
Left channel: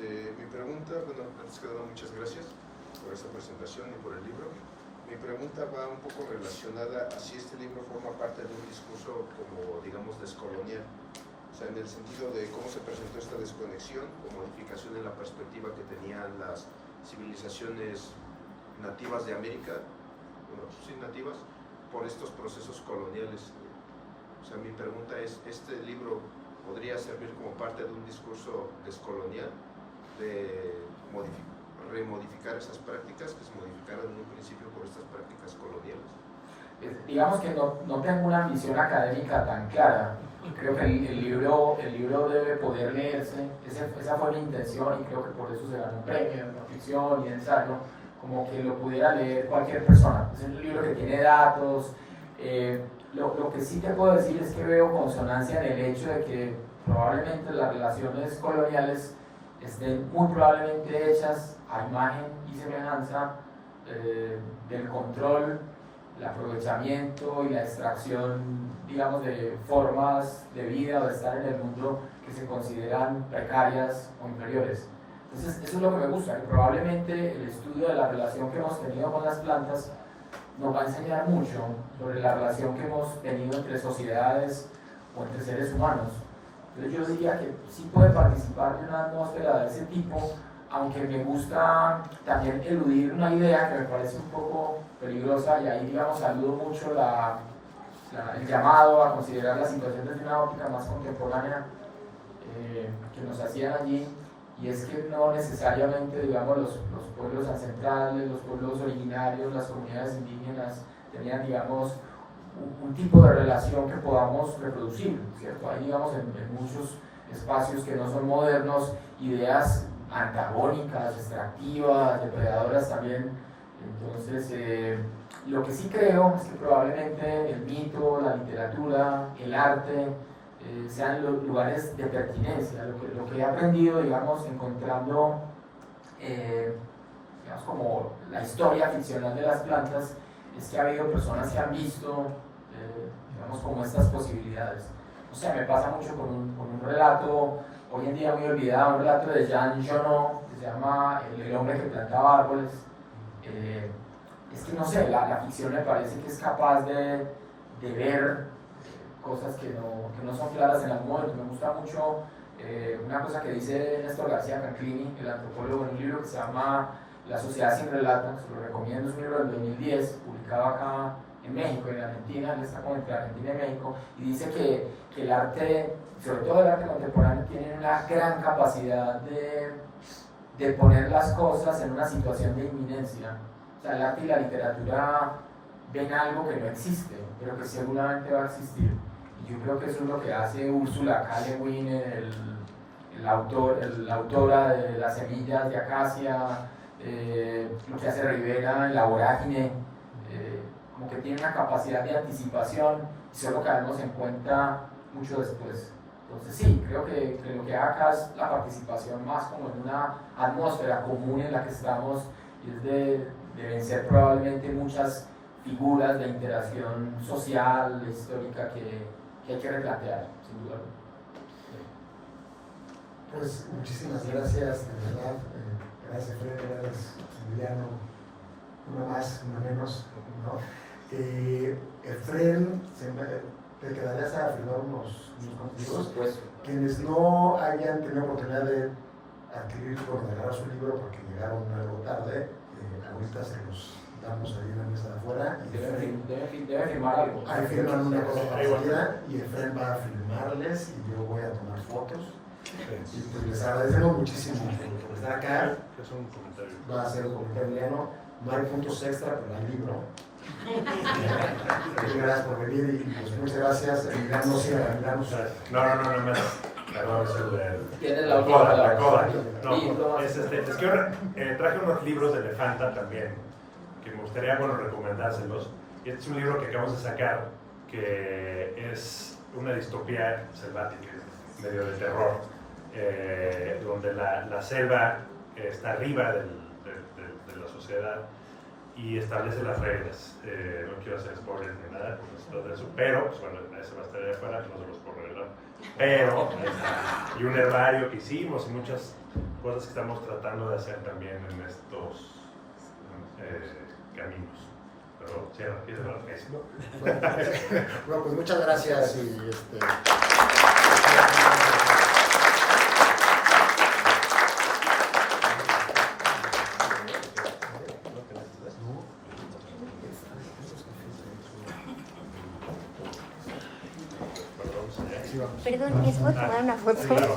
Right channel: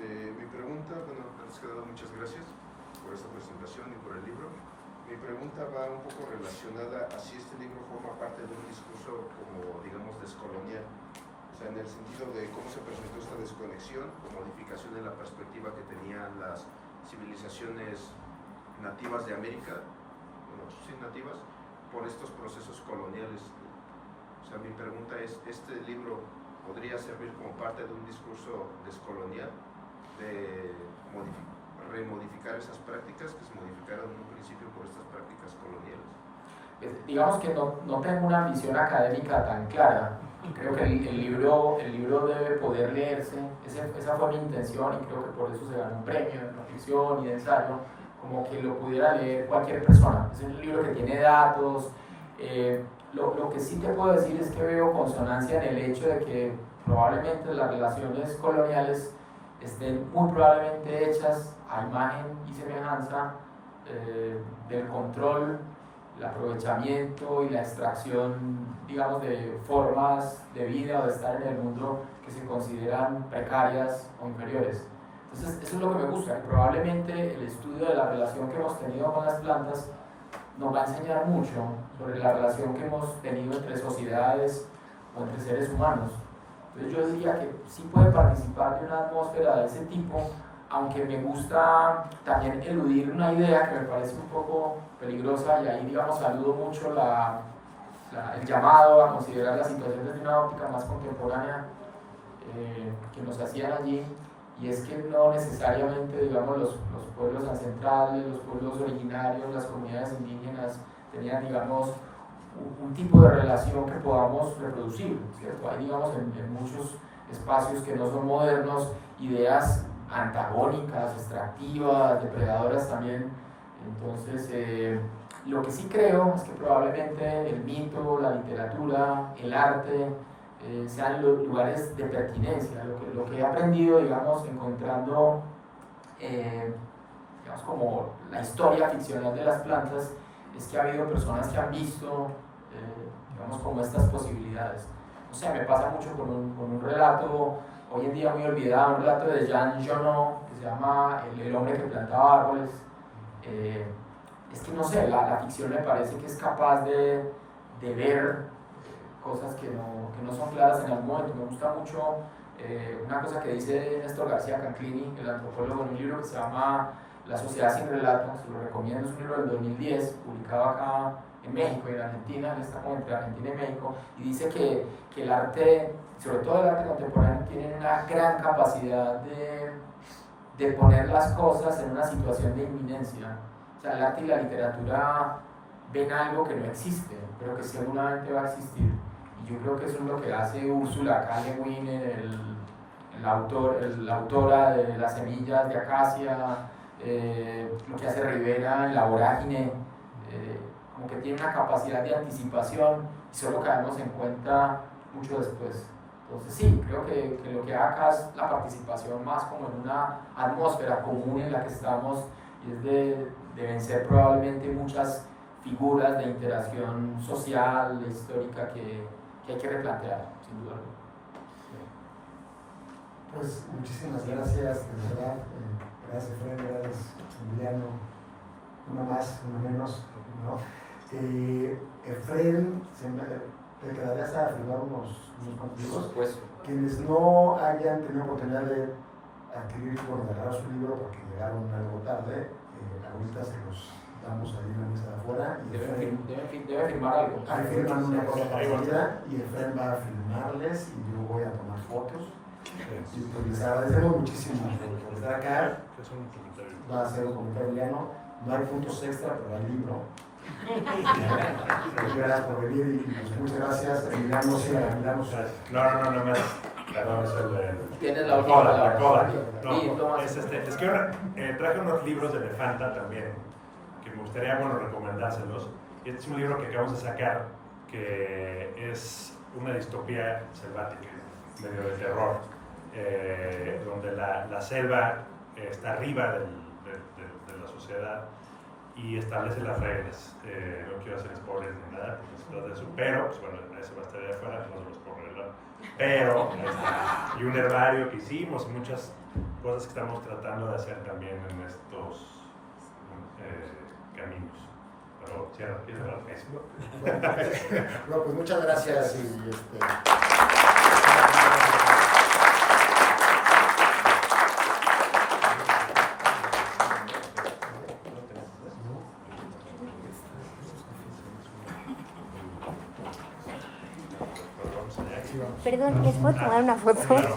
Mi pregunta, bueno, antes que nada, muchas gracias por esta presentación y por el libro. Mi pregunta va un poco relacionada a si este libro forma parte de un discurso como, digamos, descolonial. O sea, en el sentido de cómo se presentó esta desconexión o modificación en la perspectiva que tenían las civilizaciones nativas de América, bueno, sí, nativas, por estos procesos coloniales. O sea, mi pregunta es, ¿este libro podría servir como parte de un discurso descolonial, de remodificar esas prácticas que se modificaron en un principio por estas prácticas coloniales? Digamos que no tengo una visión académica tan clara. Creo que el libro debe poder leerse, esa fue mi intención y creo que por eso se ganó un premio en no ficción y en ensayo, como que lo pudiera leer cualquier persona. Es un libro que tiene datos. Lo que sí te puedo decir es que veo consonancia en el hecho de que probablemente las relaciones coloniales estén muy probablemente hechas a imagen y semejanza del control, el aprovechamiento y la extracción, digamos, de formas de vida o de estar en el mundo que se consideran precarias o inferiores. Entonces, eso es lo que me gusta, que probablemente el estudio de la relación que hemos tenido con las plantas nos va a enseñar mucho sobre la relación que hemos tenido entre sociedades o entre seres humanos. Entonces yo diría que sí puede participar de una atmósfera de ese tipo, aunque me gusta también eludir una idea que me parece un poco peligrosa, y ahí, digamos, saludo mucho el llamado a considerar la situación desde una óptica más contemporánea que nos hacían allí, y es que no necesariamente, digamos, los pueblos ancestrales, los pueblos originarios, las comunidades indígenas tenían, digamos, un tipo de relación que podamos reproducir, ¿cierto? Hay, digamos, en muchos espacios que no son modernos, ideas antagónicas, extractivas, depredadoras también. Entonces, lo que sí creo es que probablemente el mito, la literatura, el arte sean los lugares de pertinencia. Lo que he aprendido, digamos, encontrando digamos, como la historia ficcional de las plantas, es que ha habido personas que han visto digamos, como estas posibilidades. O sea, me pasa mucho con un relato hoy en día muy olvidado, un relato de Jean Genot que se llama El hombre que plantaba árboles. Es que no sé, la ficción me parece que es capaz de ver cosas que no son claras en el momento. Me gusta mucho una cosa que dice Néstor García Canclini, el antropólogo, en un libro que se llama La sociedad sin relato, se lo recomiendo, es un libro del 2010, publicado acá en México y en Argentina, él está como entre Argentina y México, y dice que el arte, sobre todo el arte contemporáneo, tiene una gran capacidad de poner las cosas en una situación de inminencia. O sea, el arte y la literatura ven algo que no existe, pero que seguramente va a existir. Yo creo que eso es lo que hace Ursula K. Le Guin, la autora de Las semillas de acacia, lo que hace Rivera en La vorágine, como que tiene una capacidad de anticipación y solo caemos en cuenta mucho después. Entonces sí, creo que lo que acá es la participación más como en una atmósfera común en la que estamos, y es de vencer probablemente muchas figuras de interacción social, histórica que hay que replantear, sin duda. Pues muchísimas gracias, de verdad. Gracias, Fred, gracias, Emiliano. Uno más, uno menos, ¿no? Efraín, te quedarías a firmar unos libros. Quienes no hayan tenido oportunidad de adquirir o agarrar su libro porque llegaron algo tarde, ahorita se los damos ahí en la mesa de afuera. Debe firmar algo. Ahí firman una cosa parecida y Efraín va a filmarles y yo voy a tomar fotos. Y pues les agradecemos muchísimo por estar acá. Va a ser un comentario lleno. No hay puntos extra para el libro. Muchas gracias por venir y pues, muchas gracias. Emiliano, sí, Emiliano. No más. Tienes la última palabra. La coda. No, es que traje unos libros de Elefanta también, que me gustaría, recomendárselos. Este es un libro que acabamos de sacar, que es una distopía selvática, medio de terror, donde la selva está arriba de la sociedad y establece las reglas. No quiero hacer spoilers ni nada de eso, pero ese va a estar ahí afuera, no se los puedo revelar. Pero, y un herbario que hicimos y muchas cosas que estamos tratando de hacer también en estos caminos. Pero cierra la mesa. Bueno, pues muchas gracias. Perdón, ¿les puedo tomar una foto? Claro.